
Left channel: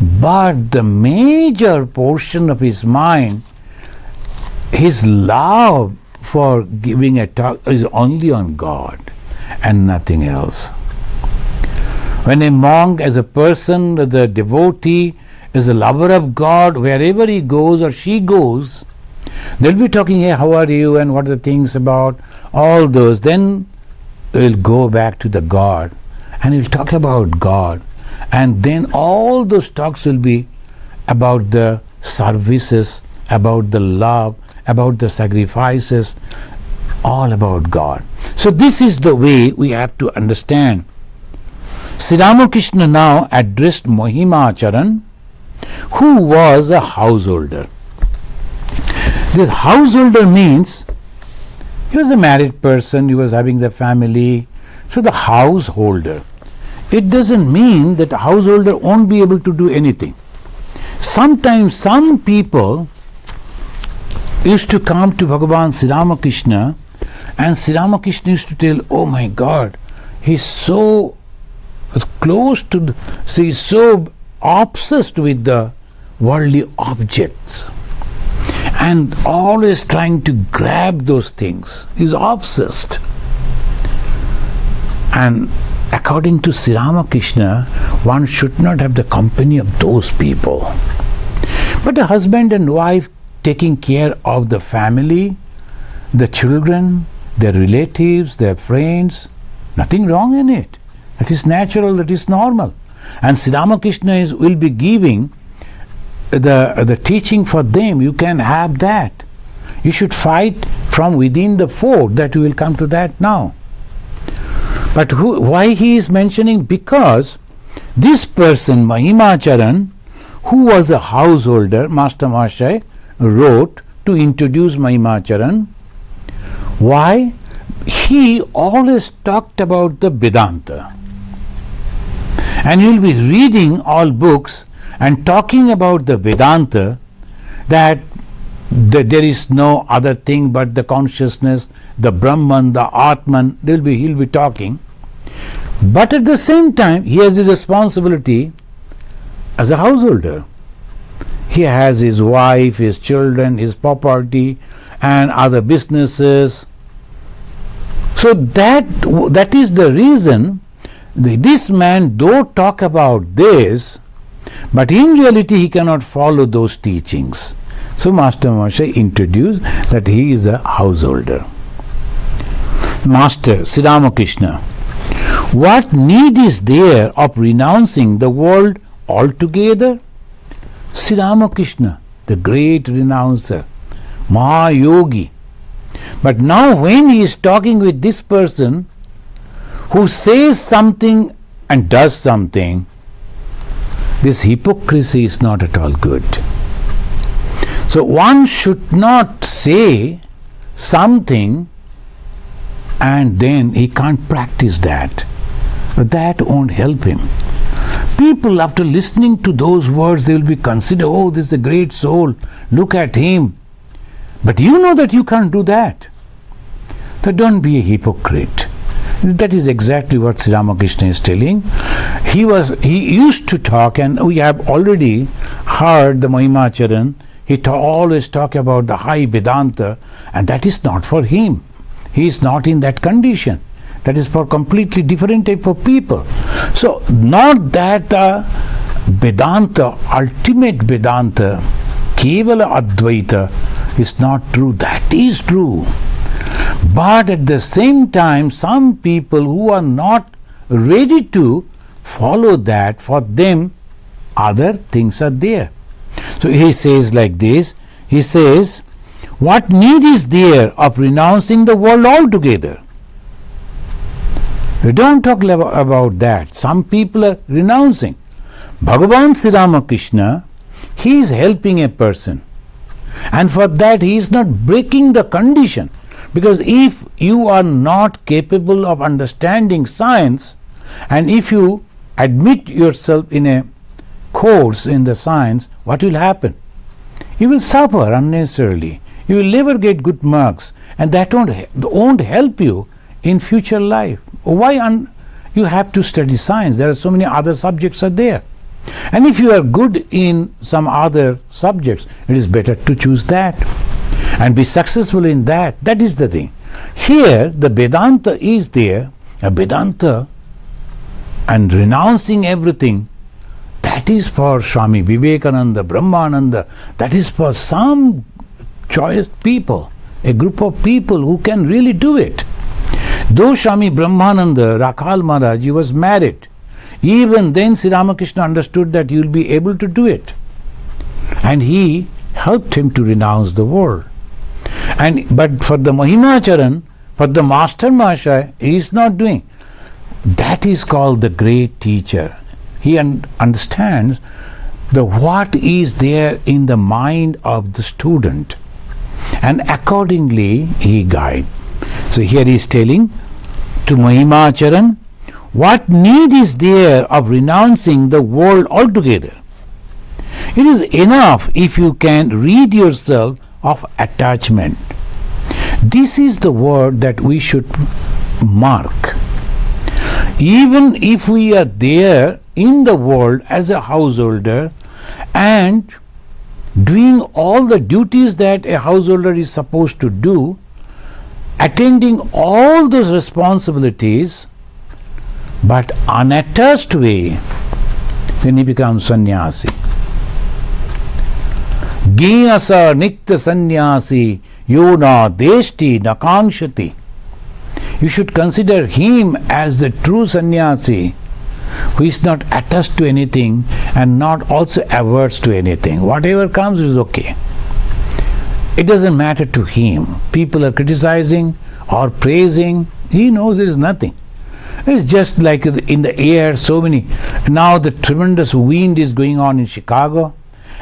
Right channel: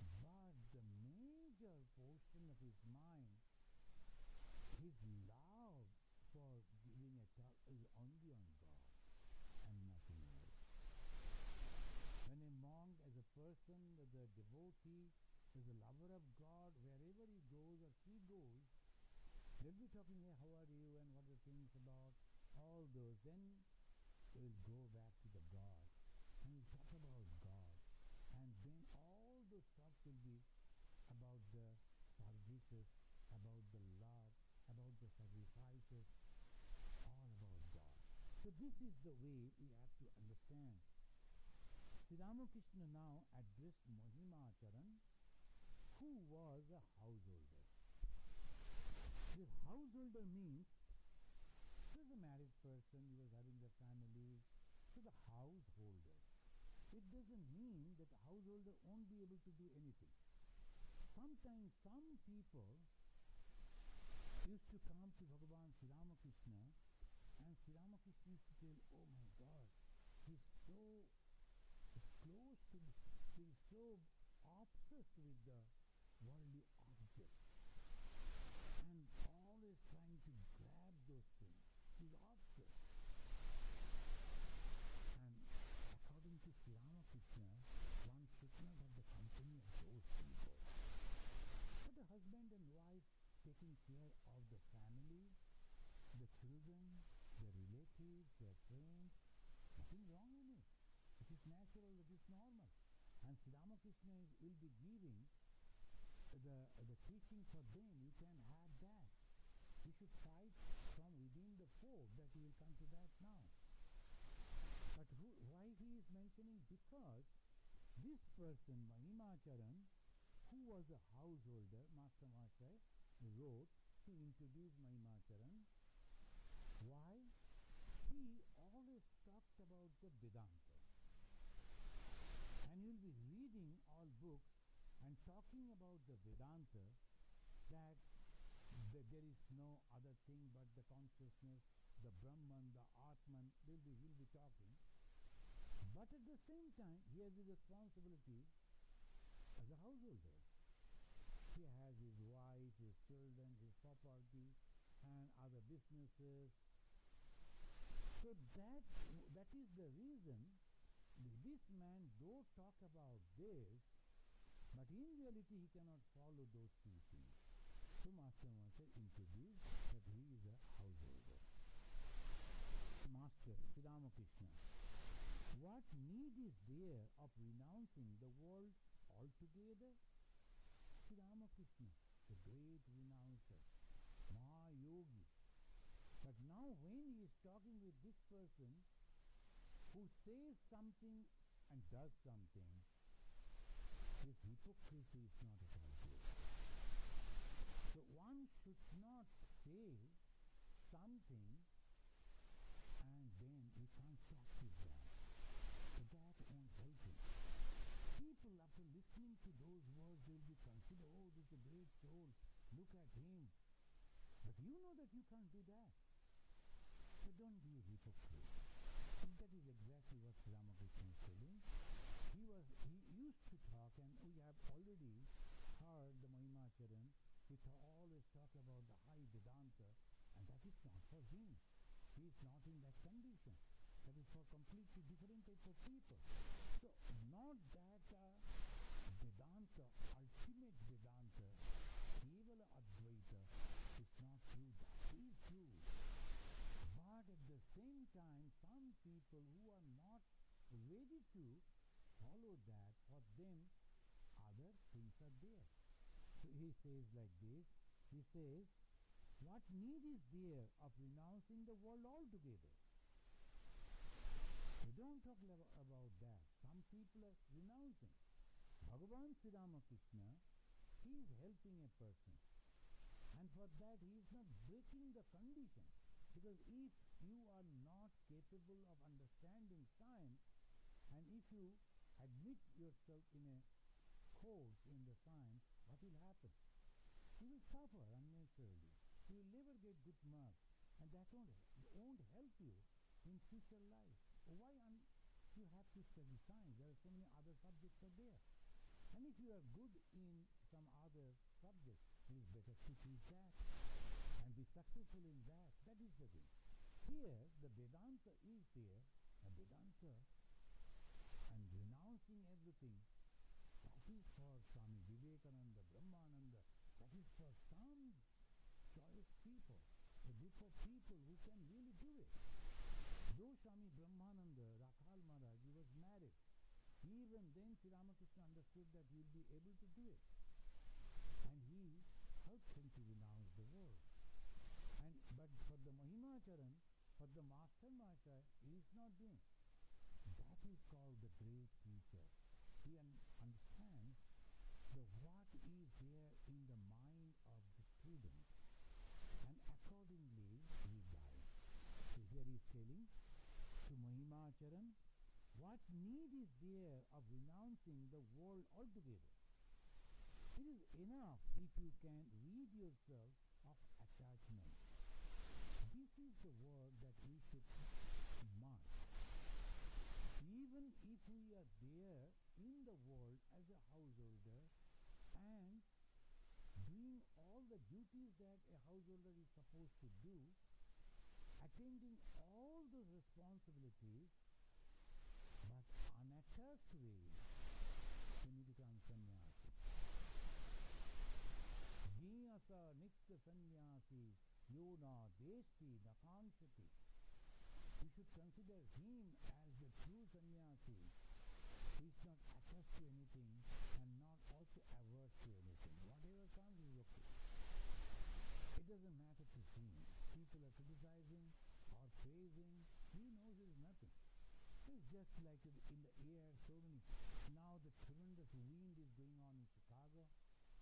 But the major portion of his mind, his love for giving a talk is only on God and nothing else. When a monk, as a person, the devotee, is a lover of God, wherever he goes or she goes, they'll be talking, hey, how are you and what are the things about, all those. Then we'll go back to the God and he'll talk about God. And then all those talks will be about the services, about the love, about the sacrifices, all about God. So this is the way we have to understand. Sri Ramakrishna now addressed Mahimacharan, who was a householder. This householder means he was a married person, he was having the family, so the householder. It doesn't mean that a householder won't be able to do anything. Sometimes some people used to come to Bhagavan Sri Ramakrishna, and Sri Ramakrishna used to tell, oh my God, he's so close to, he's so obsessed with the worldly objects and always trying to grab those things. He's obsessed. And according to Sri Ramakrishna, one should not have the company of those people. But a husband and wife taking care of the family, the children, their relatives, their friends, nothing wrong in it. That is natural, that is normal. And Sri Ramakrishna will be giving the teaching for them. You can have that. You should fight from within the fort. That we will come to that now. But why he is mentioning? Because this person, Mahimacharan, who was a householder, Master Mahashaya wrote to introduce Mahimacharan. Why? He always talked about the Vedanta. And he will be reading all books and talking about the Vedanta, that there is no other thing but the consciousness, the Brahman, the Atman. He'll be talking. But at the same time, he has his responsibility as a householder. He has his wife, his children, his property, and other businesses. So that is the reason this man though talk about this, but in reality he cannot follow those teachings. So Master Mahashaya introduced that he is a householder. Master Sri Ramakrishna, what need is there of renouncing the world altogether? Sri Ramakrishna, the great renouncer, Mahayogi. But now when he is talking with this person who says something and does something, this hypocrisy is not at all good. So one should not say something and then he can't practice that. That won't help him. People, after listening to those words, they will be considered, oh, this is a great soul, look at him. But you know that you can't do that. So don't be a hypocrite. That is exactly what Sri Ramakrishna is telling. He used to talk, and we have already heard the Mahimacharan. He always talk about the high Vedanta, and that is not for him. He is not in that condition. That is for completely different type of people. So not that Vedanta, ultimate Vedanta, Kevala Advaita is not true. That is true. But at the same time, some people who are not ready to follow that, for them other things are there. So he says like this, he says, what need is there of renouncing the world altogether? We don't talk about that. Some people are renouncing. Bhagavan Sri Ramakrishna, he is helping a person. And for that he is not breaking the condition. Because if you are not capable of understanding science, and if you admit yourself in a course in the science, what will happen? You will suffer unnecessarily. You will never get good marks, and that won't help you in future life. Why you have to study science? There are so many other subjects are there. And if you are good in some other subjects, it is better to choose that and be successful in that. That is the thing. Here the Vedanta is there, a Vedanta and renouncing everything. That is for Swami Vivekananda, Brahmananda. That is for some choice people, a group of people who can really do it. Though Swami Brahmananda, Rakhal Maharaj, he was married, even then Sri Ramakrishna understood that he will be able to do it. And he helped him to renounce the world. But for the Mahimacharan, for the Master Mahashaya, he is not doing. That is called the great teacher. He understands what is there in the mind of the student, and accordingly he guides. So here he is telling to Mahimacharan, what need is there of renouncing the world altogether? It is enough if you can rid yourself of attachment. This is the word that we should mark. Even if we are there in the world as a householder and doing all the duties that a householder is supposed to do, attending all those responsibilities, but unattached way, then he becomes sannyasi. Giyasa nikta sannyasi yona deshti nakangshati. You should consider him as the true sannyasi who is not attached to anything and not also averse to anything. Whatever comes is okay. It doesn't matter to him. People are criticizing or praising. He knows there is nothing. It's just like in the air, so many. Now the tremendous wind is going on in Chicago,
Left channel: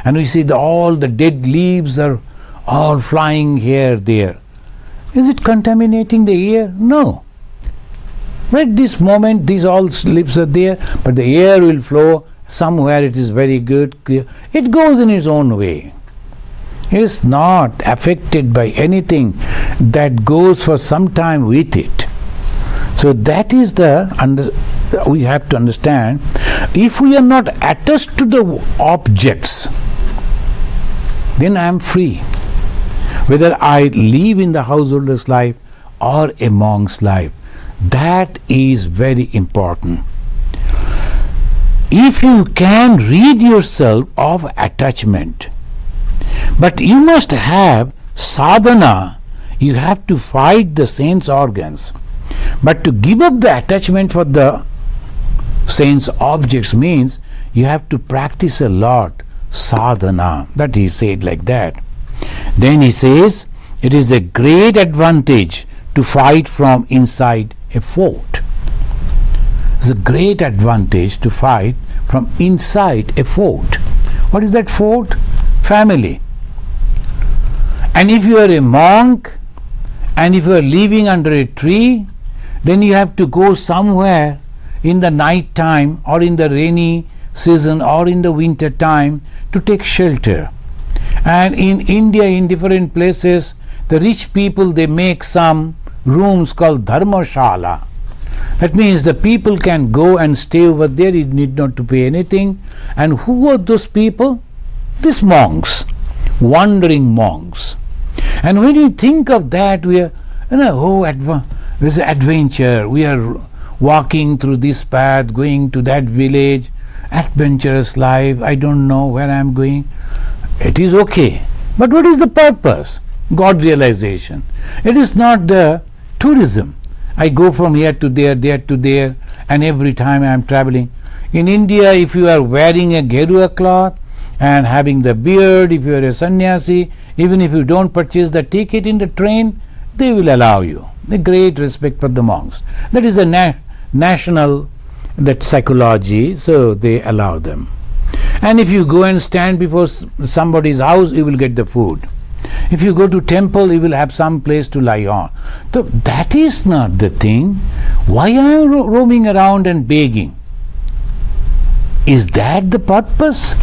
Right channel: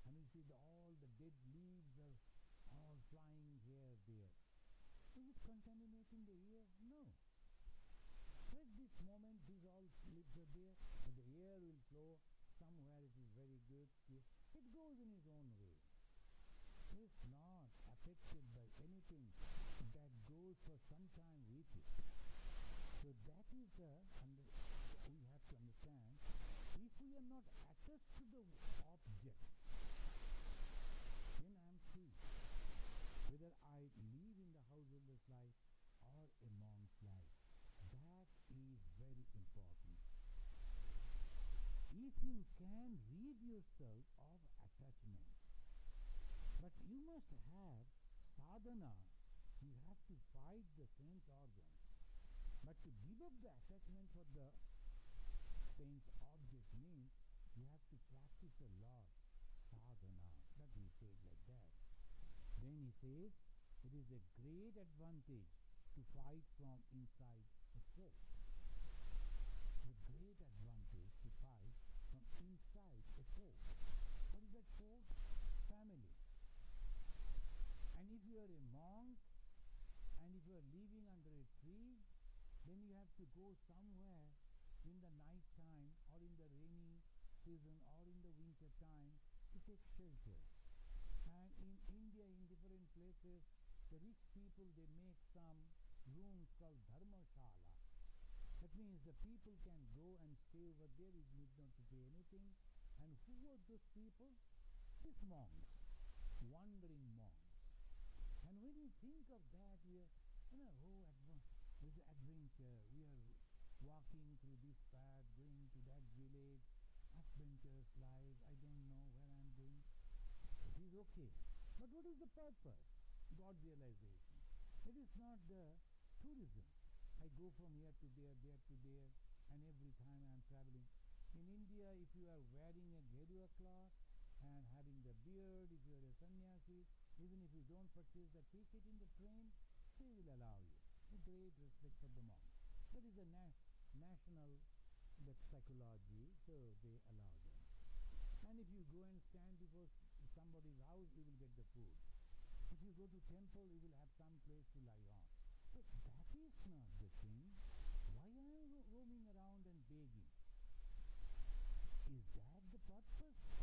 and we see all the dead leaves are all flying here, there. Is it contaminating the air? No. At this moment, these all leaves are there, but the air will flow. Somewhere it is very good, clear. It goes in its own way. It is not affected by anything that goes for some time with it. So that is we have to understand. If we are not attached to the objects, then I am free. Whether I live in the householder's life or a monk's life, that is very important. If you can rid yourself of attachment, but you must have sadhana, you have to fight the sense organs. But to give up the attachment for the sense objects means you have to practice a lot, sadhana. That he said like that. Then he says, it is a great advantage to fight from inside a fort. It's a great advantage to fight from inside a fort. What is that fort? Family. And if you are a monk, and if you are living under a tree, then you have to go somewhere in the night time or in the rainy season or in the winter time to take shelter. And in India, in different places, the rich people, they make some rooms called dharmashala. That means the people can go and stay over there, you need not to pay anything. And who are those people? These monks, wandering monks. And when you think of that, we are, there's an adventure. We are walking through this path, going to that village, adventurous life. I don't know where I'm going. It is okay. But what is the purpose? God realization. It is not the tourism. I go from here to there, and every time I am traveling. In India, if you are wearing a gerua cloth and having the beard, if you are a sannyasi, even if you don't purchase the ticket in the train, they will allow you. The great respect for the monks. That is a national that psychology, so they allow them. And if you go and stand before somebody's house, you will get the food. If you go to temple, you will have some place to lie on. So that is not the thing. Why are you roaming around and begging? Is that the purpose?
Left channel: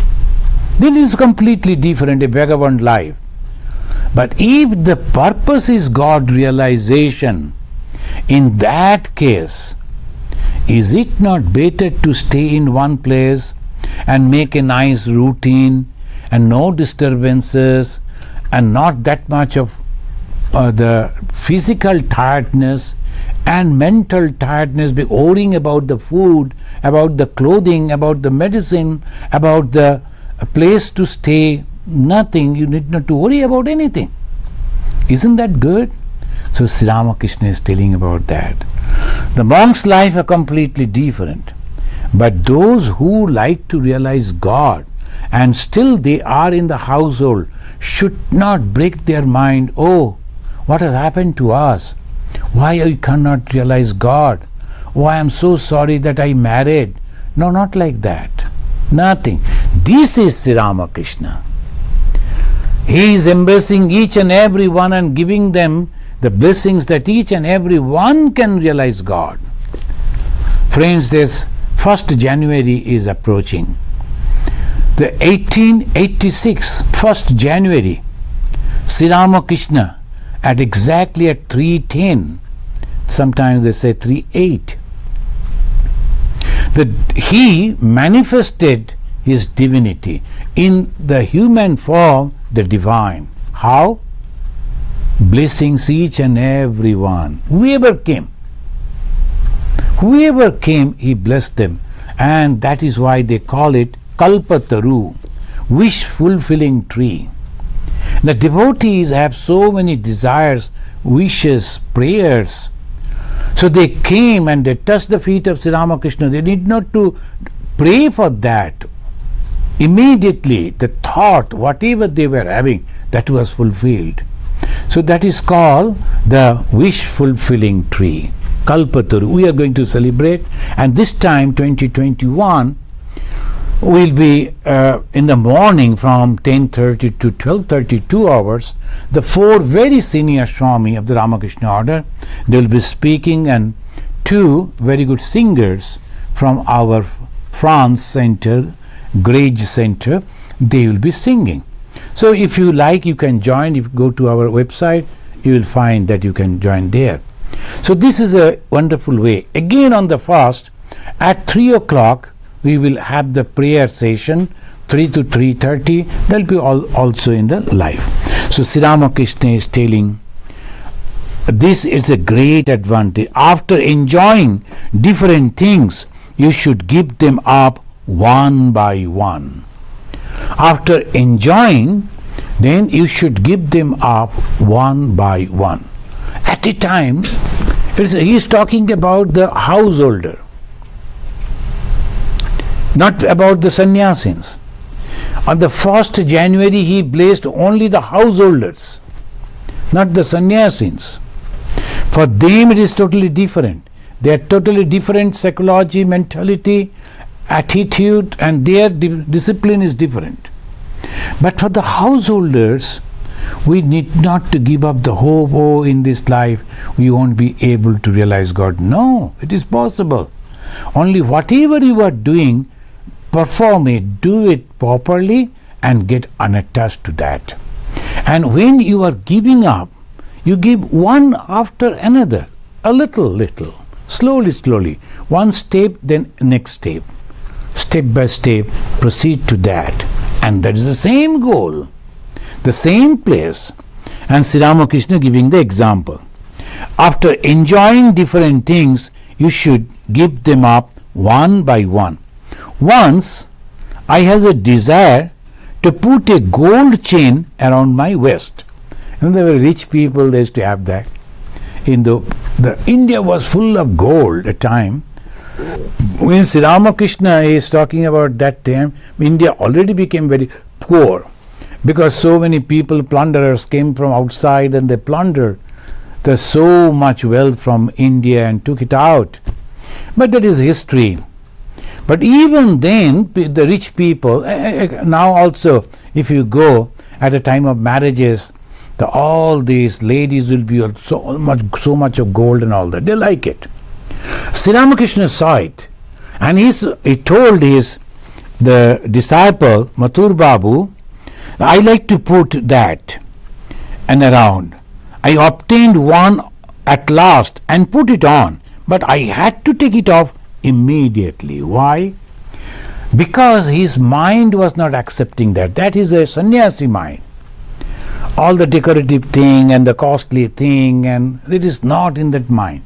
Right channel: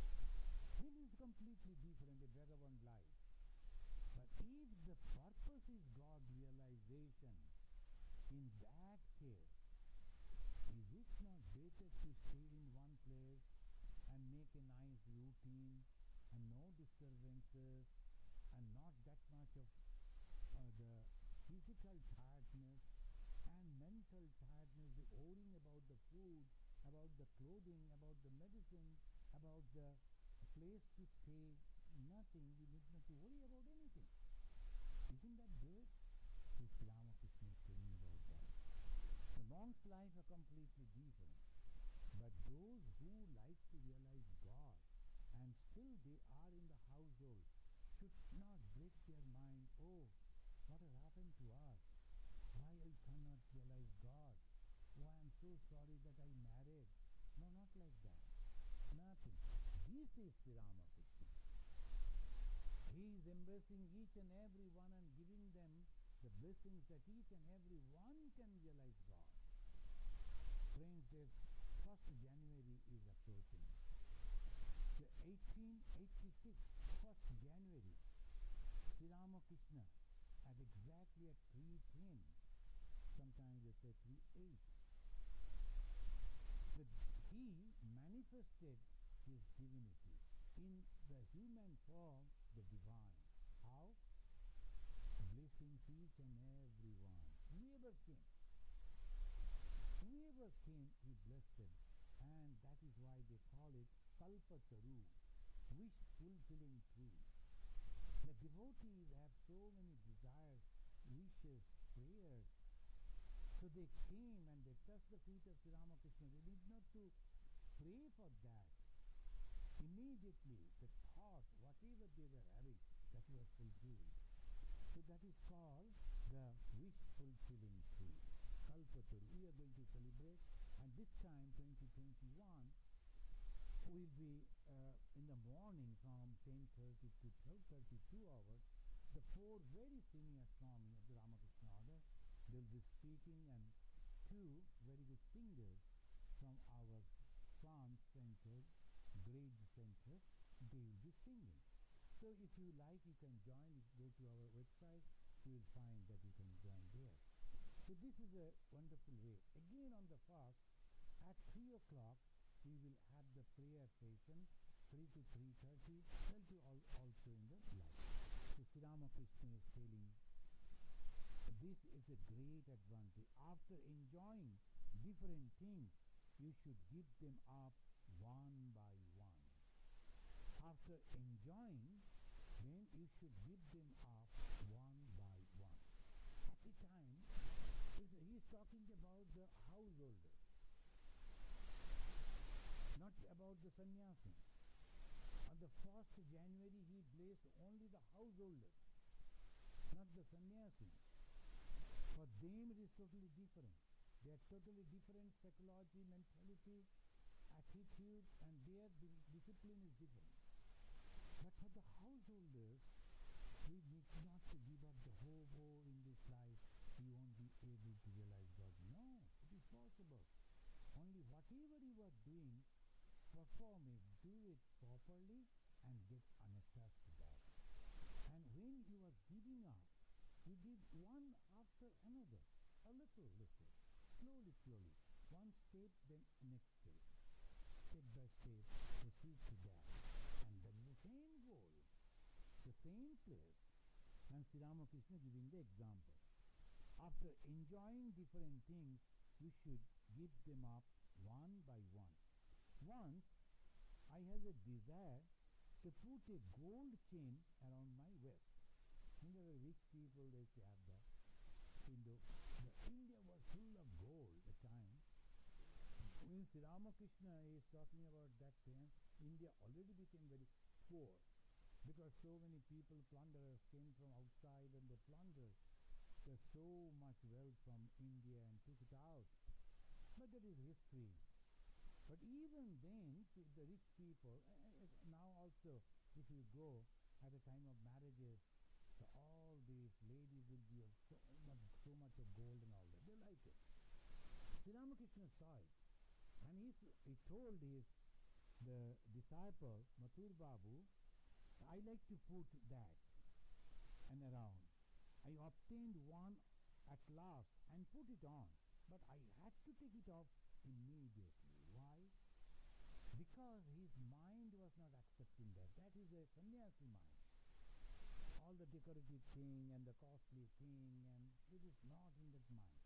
Then it is completely different, a vagabond life. But if the purpose is God realization, in that case, is it not better to stay in one place and make a nice routine and no disturbances and not that much of the physical tiredness and mental tiredness, be worrying about the food, about the clothing, about the medicine, about the place to stay, nothing, you need not to worry about anything. Isn't that good? So Sri Ramakrishna is telling about that. The monk's life are completely different. But those who like to realize God and still they are in the household should not break their mind, oh, what has happened to us? Why I cannot realize God? Oh, I am so sorry that I married. No, not like that. Nothing. This is Sri Ramakrishna. He is embracing each and every one and giving them the blessings that each and every one can realize God. Friends, this 1st January is approaching. The 1886, 1st January, Sri Ramakrishna at exactly at 3:10, sometimes they say 3:08, he manifested his divinity in the human form, the divine. How? Blessings each and every one. Whoever came, he blessed them. And that is why they call it Kalpataru, wish-fulfilling tree. The devotees have so many desires, wishes, prayers. So they came and they touched the feet of Sri Ramakrishna. They need not to pray for that. Immediately the thought, whatever they were having, that was fulfilled. So that is called the wish-fulfilling tree, Kalpataru. We are going to celebrate, and this time 2021 will be in the morning from 10:30 to 12:30, 2 hours. The 4 very senior Swami of the Ramakrishna order, they will be speaking, and 2 very good singers from our France center, Grage Center, they will be singing. So if you like, you can join. If you go to our website, you will find that you can join there. So this is a wonderful way. Again on the fast, at 3 o'clock, we will have the prayer session, 3 to 3:30. That will be also in the live. So Sri Ramakrishna is telling, this is a great advantage. After enjoying different things, you should give them up one by one. After enjoying, then you should give them up one by one. At a time, He is talking about the householder, not about the sannyasins. On the 1st January, he blessed only the householders, not the sannyasins. For them, it is totally different. They are totally different psychology, mentality, attitude, and their discipline is different. But for the householders, we need not to give up the hope, oh, in this life we won't be able to realize God. No, it is possible. Only whatever you are doing, perform it, do it properly, and get unattached to that. And when you are giving up, you give one after another, a little, slowly, one step, then next step by step, proceed to that. And that is the same goal, the same place. And Sri Ramakrishna giving the example. After enjoying different things, you should give them up one by one. Once I has a desire to put a gold chain around my waist. And there were rich people, they used to have that. In the India was full of gold at time. When Sri Ramakrishna is talking about that time, India already became very poor because so many people, plunderers, came from outside and they plundered the so much wealth from India and took it out. But that is history. But even then, the rich people, now also, if you go at a time of marriages, all these ladies will be so much of gold and all that. They like it. Sri Ramakrishna saw it, and he told the disciple Mathur Babu, I like to put that and around. I obtained one at last and put it on, but I had to take it off immediately. Why? Because his mind was not accepting that. That is a sannyasi mind. All the decorative thing and the costly thing, and it is not in that mind.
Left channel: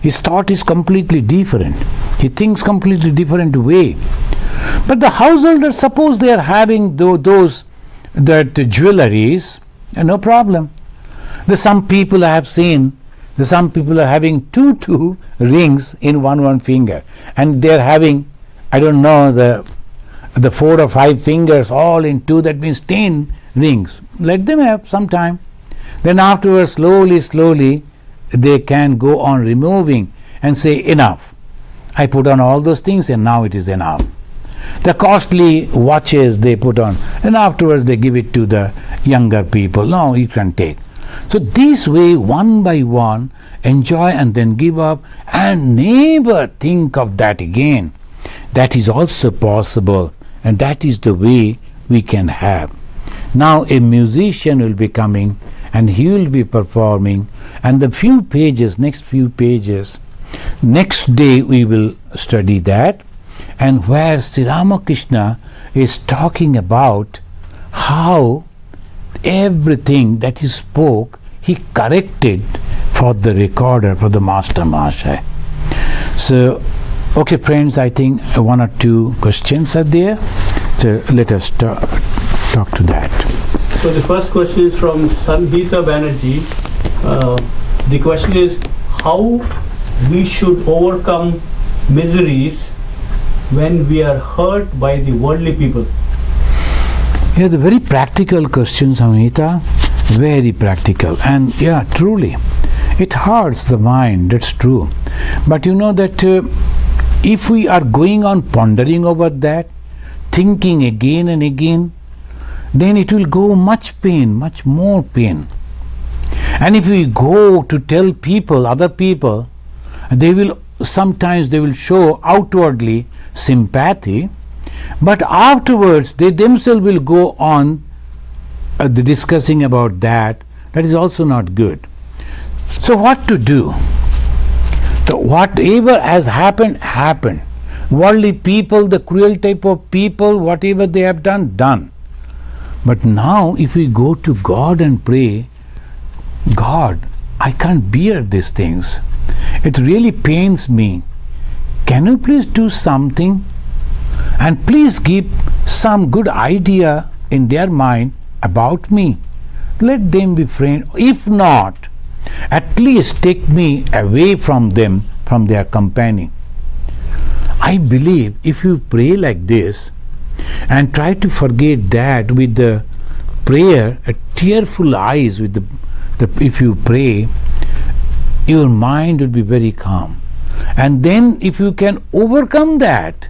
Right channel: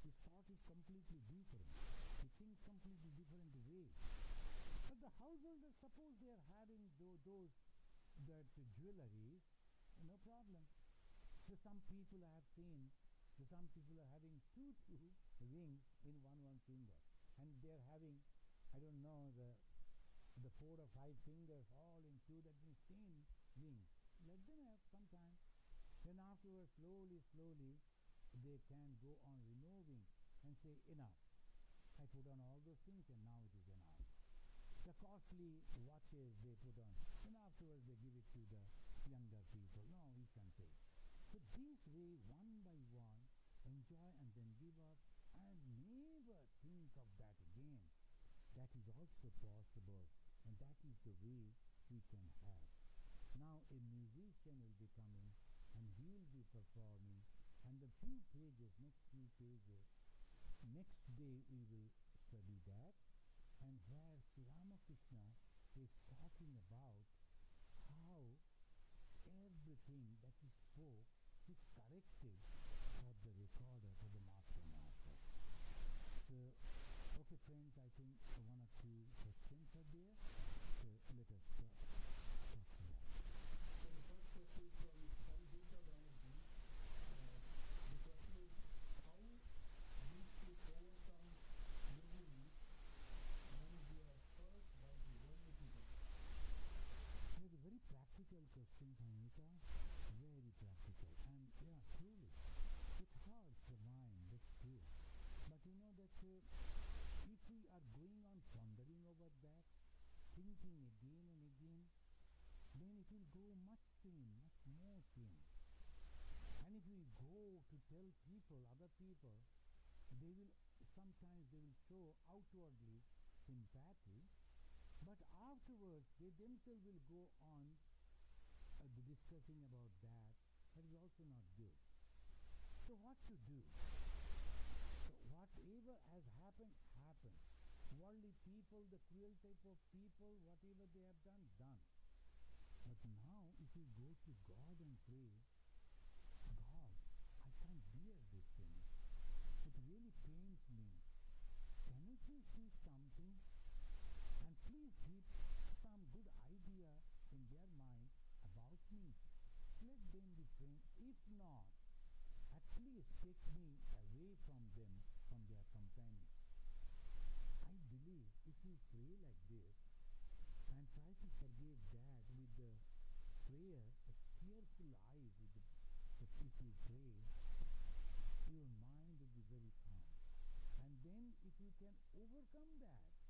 His thought is completely different. He thinks completely different way. But the householders, suppose they are having those jewelries, no problem. Some people I have seen, some people are having two rings in one finger, and they are having, I don't know, the 4 or 5 fingers all in 2. That means 10 rings. Let them have some time. Then afterwards, slowly, they can go on removing and say, enough. I put on all those things and now it is enough. The costly watches they put on, and afterwards they give it to the younger people. No, you can take. So this way, one by one, enjoy and then give up and never think of that again. That is also possible, and that is the way we can have. Now a musician will be coming and he will be performing, and the next few pages, next day we will study that, and where Sri Ramakrishna is talking about how everything that he spoke, he corrected for the recorder, for the Master Mahashaya. So, okay friends, I think 1 or 2 questions are there. So let us talk to that. So the first question is from Sanhita Banerjee. The question is how we should overcome miseries when we are hurt by the worldly people. Yeah, the very practical question, Sanhita, very practical. And yeah, truly, it hurts the mind, that's true. But you know that if we are going on pondering over that, thinking again and again, then it will go much pain, much more pain. And if we go to tell people, other people, sometimes they will show outwardly sympathy, but afterwards they themselves will go on discussing about that. That is also not good. So what to do? So whatever has happened, happened. Worldly people, the cruel type of people, whatever they have done. But now if we go to God and pray, God, I can't bear these things. It really pains me. Can you please do something? And please give some good idea in their mind about me. Let them be friends. If not, At least take me away from them, from their company. I believe if you pray like this and try to forget that with the prayer, a tearful eyes with if you pray, your mind will be very calm. And then if you can overcome that,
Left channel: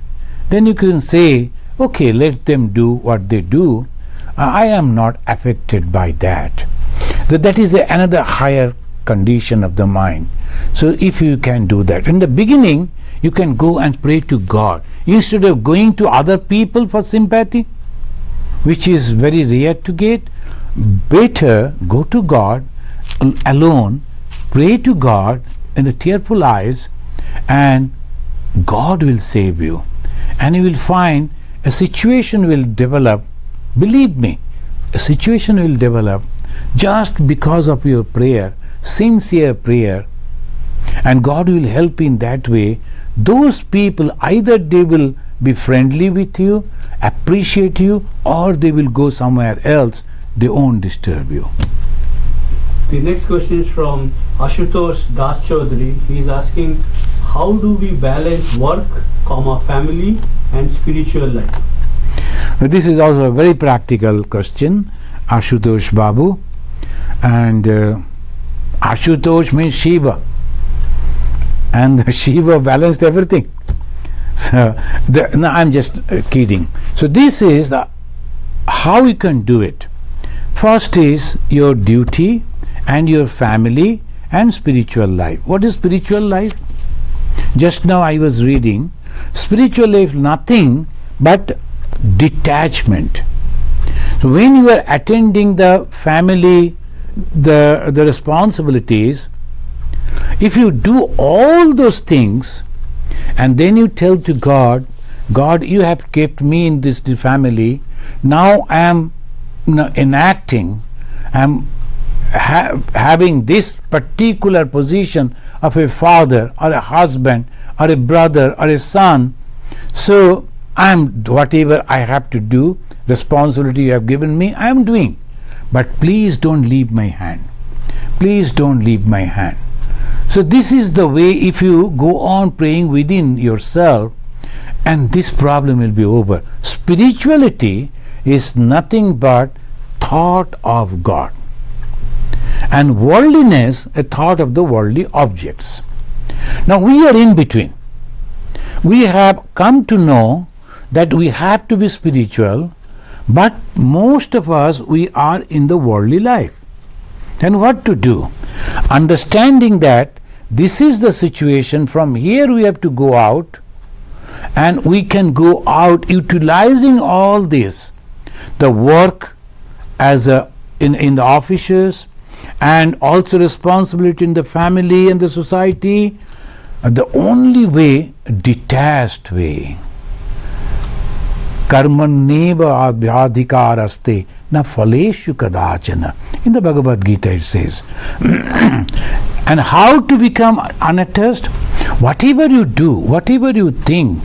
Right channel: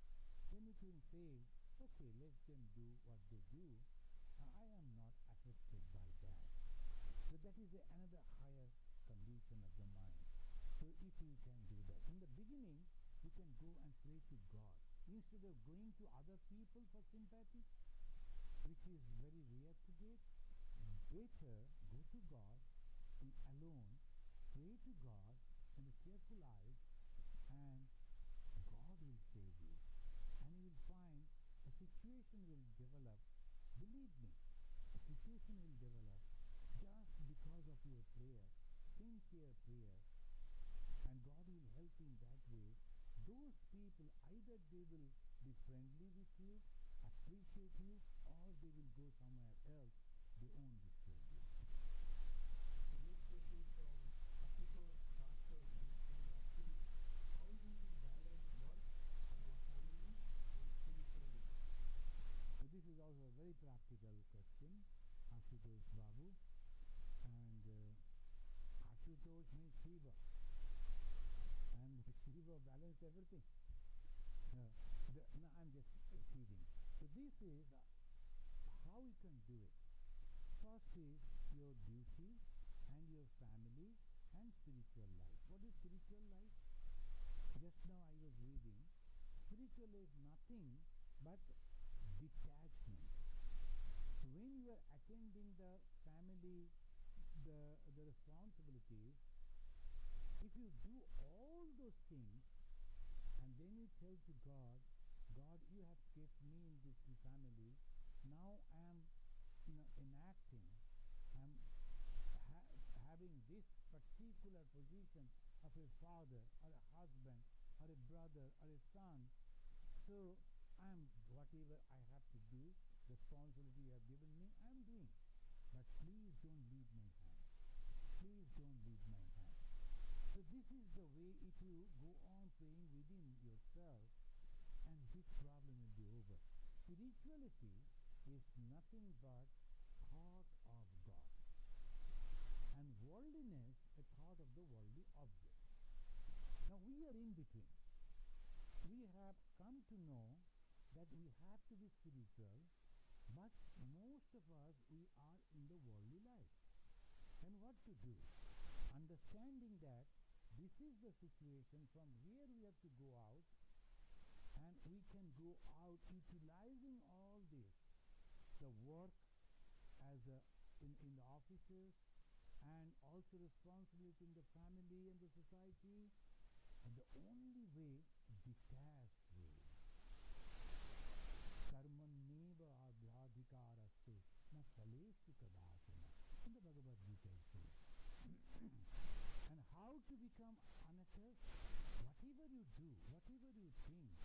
then you can say, okay, let them do what they do. I am not affected by that. So that is another higher condition of the mind. So if you can do that. In the beginning, you can go and pray to God. Instead of going to other people for sympathy, which is very rare to get, better go to God alone, pray to God in the tearful eyes, and God will save you. And you will find a situation will develop. Believe me, a situation will develop just because of your prayer, sincere prayer, and God will help in that way. Those people, either they will be friendly with you, appreciate you, or they will go somewhere else. They won't disturb you. The next question is from Ashutosh Das Chaudhary. He is asking, how do we balance work, family and spiritual life? This is also a very practical question, Ashutosh Babu. And Ashutosh means Shiva. And Shiva balanced everything. So, no, I'm just kidding. So this is how you can do it. First is your duty and your family and spiritual life. What is spiritual life? Just now I was reading, spiritual life nothing but detachment. So when you are attending the family, the responsibilities, if you do all those things and then you tell to God, God, you have kept me in this family, now I am enacting, I am having this particular position of a father or a husband or a brother or a son, so I am whatever I have to do, responsibility you have given me, I am doing. But please don't leave my hand. Please don't leave my hand. So this is the way, if you go on praying within yourself, and this problem will be over. Spirituality is nothing but thought of God, and worldliness a thought of the worldly objects. Now we are in between. We have come to know that we have to be spiritual, but most of us, we are in the worldly life. Then what to do? Understanding that this is the situation, from here we have to go out, and we can go out utilizing all this, the work as in the offices, and also responsibility in the family and the society. The only way, detached way. Karmanneva abhyadhikaraste na phaleshu kadachana. In the Bhagavad Gita it says. And how to become unattached? Whatever you do, whatever you think,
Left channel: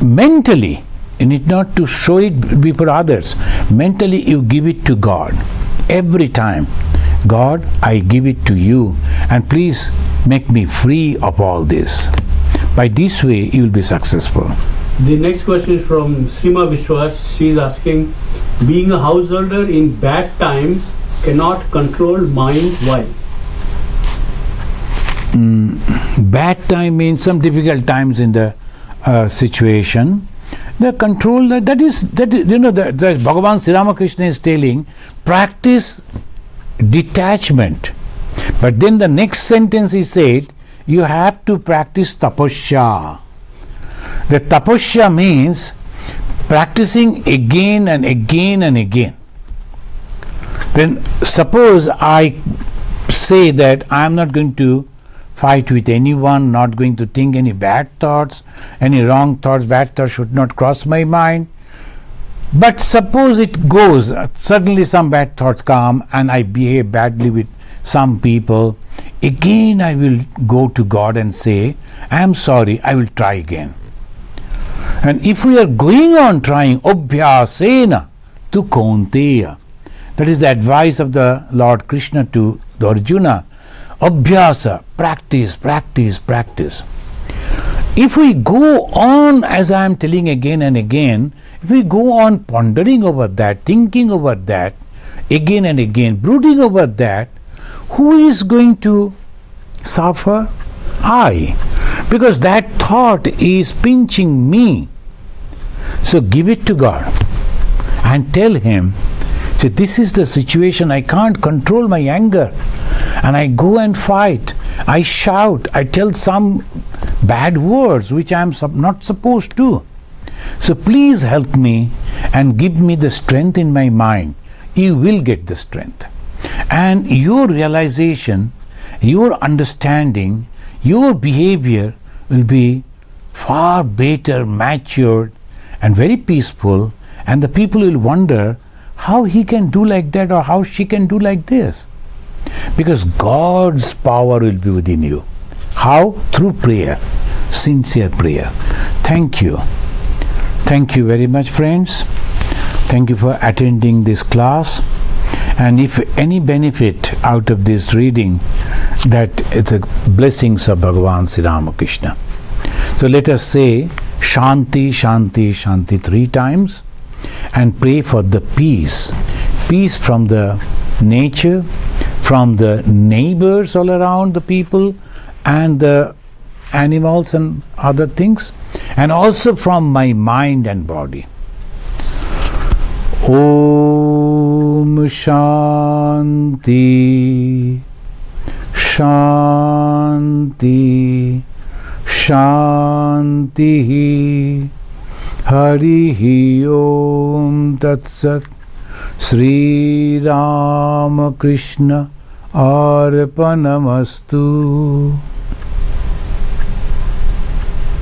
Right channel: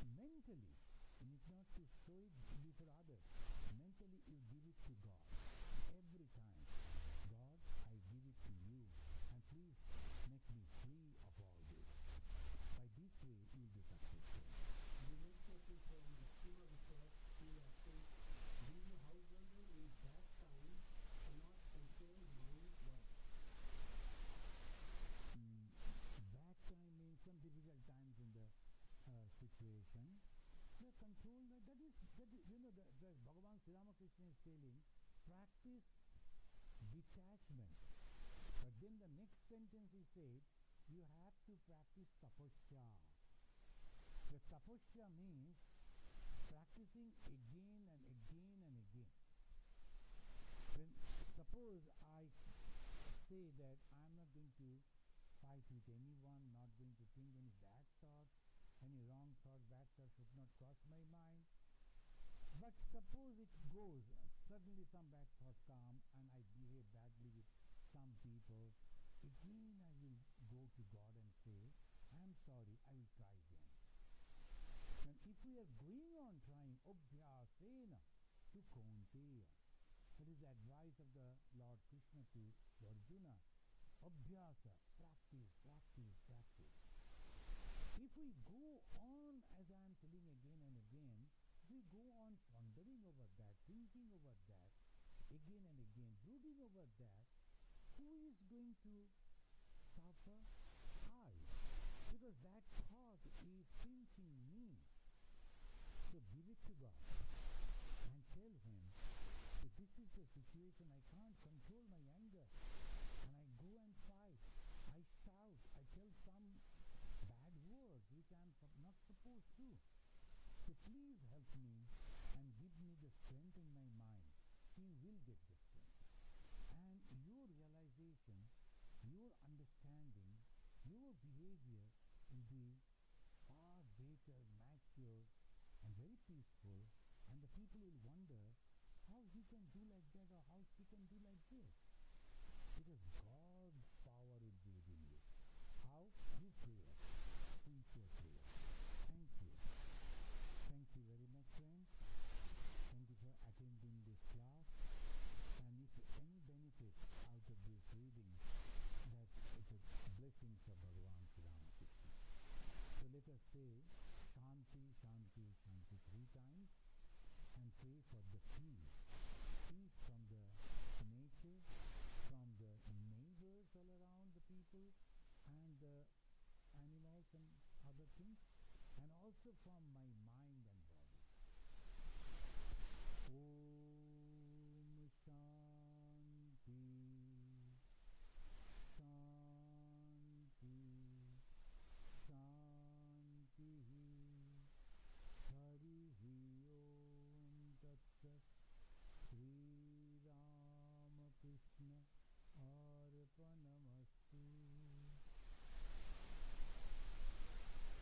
mentally, you need not to show it before others. Mentally you give it to God. Every time. God, I give it to you, and please make me free of all this. By this way you will be successful. The next question is from Srima Vishwas. She is asking, being a householder in bad time cannot control mind, why? Bad time means some difficult times in the situation. The control, that is you know, the Bhagavan Sri Ramakrishna is telling, practice detachment. But then the next sentence he said, you have to practice tapasya. The tapasya means practicing again and again and again. Then suppose I say that I am not going to fight with anyone, not going to think any bad thoughts, any wrong thoughts, bad thoughts should not cross my mind. But suppose it goes, suddenly some bad thoughts come and I behave badly with some people. Again I will go to God and say, I am sorry, I will try again. And if we are going on trying, obhyasena tu kaunteya, that is the advice of the Lord Krishna to the Arjuna, Abhyasa, practice, practice, practice. If we go on, as I am telling again and again, if we go on pondering over that, thinking over that, again and again, brooding over that, who is going to suffer? I. Because that thought is pinching me. So give it to God and tell Him, see, this is the situation, I can't control my anger. And I go and fight. I shout. I tell some bad words which I am not supposed to. So please help me and give me the strength in my mind. You will get the strength. And your realization, your understanding, your behavior will be far better, matured, and very peaceful. And the people will wonder how he can do like that or how she can do like this. Because God's power will be within you. How? Through prayer, sincere prayer. Thank you. Thank you very much, friends. Thank you for attending this class. And if any benefit out of this reading, that is the blessings of Bhagavan Sri Ramakrishna. So let us say Shanti, Shanti, Shanti 3 times and pray for the peace. Peace from the nature, from the neighbors all around, the people and the animals and other things, and also from my mind and body. Om Shanti, Shanti, Shanti. Harihi Om Tat Sat. Sri Ramakrishna Arpanamastu.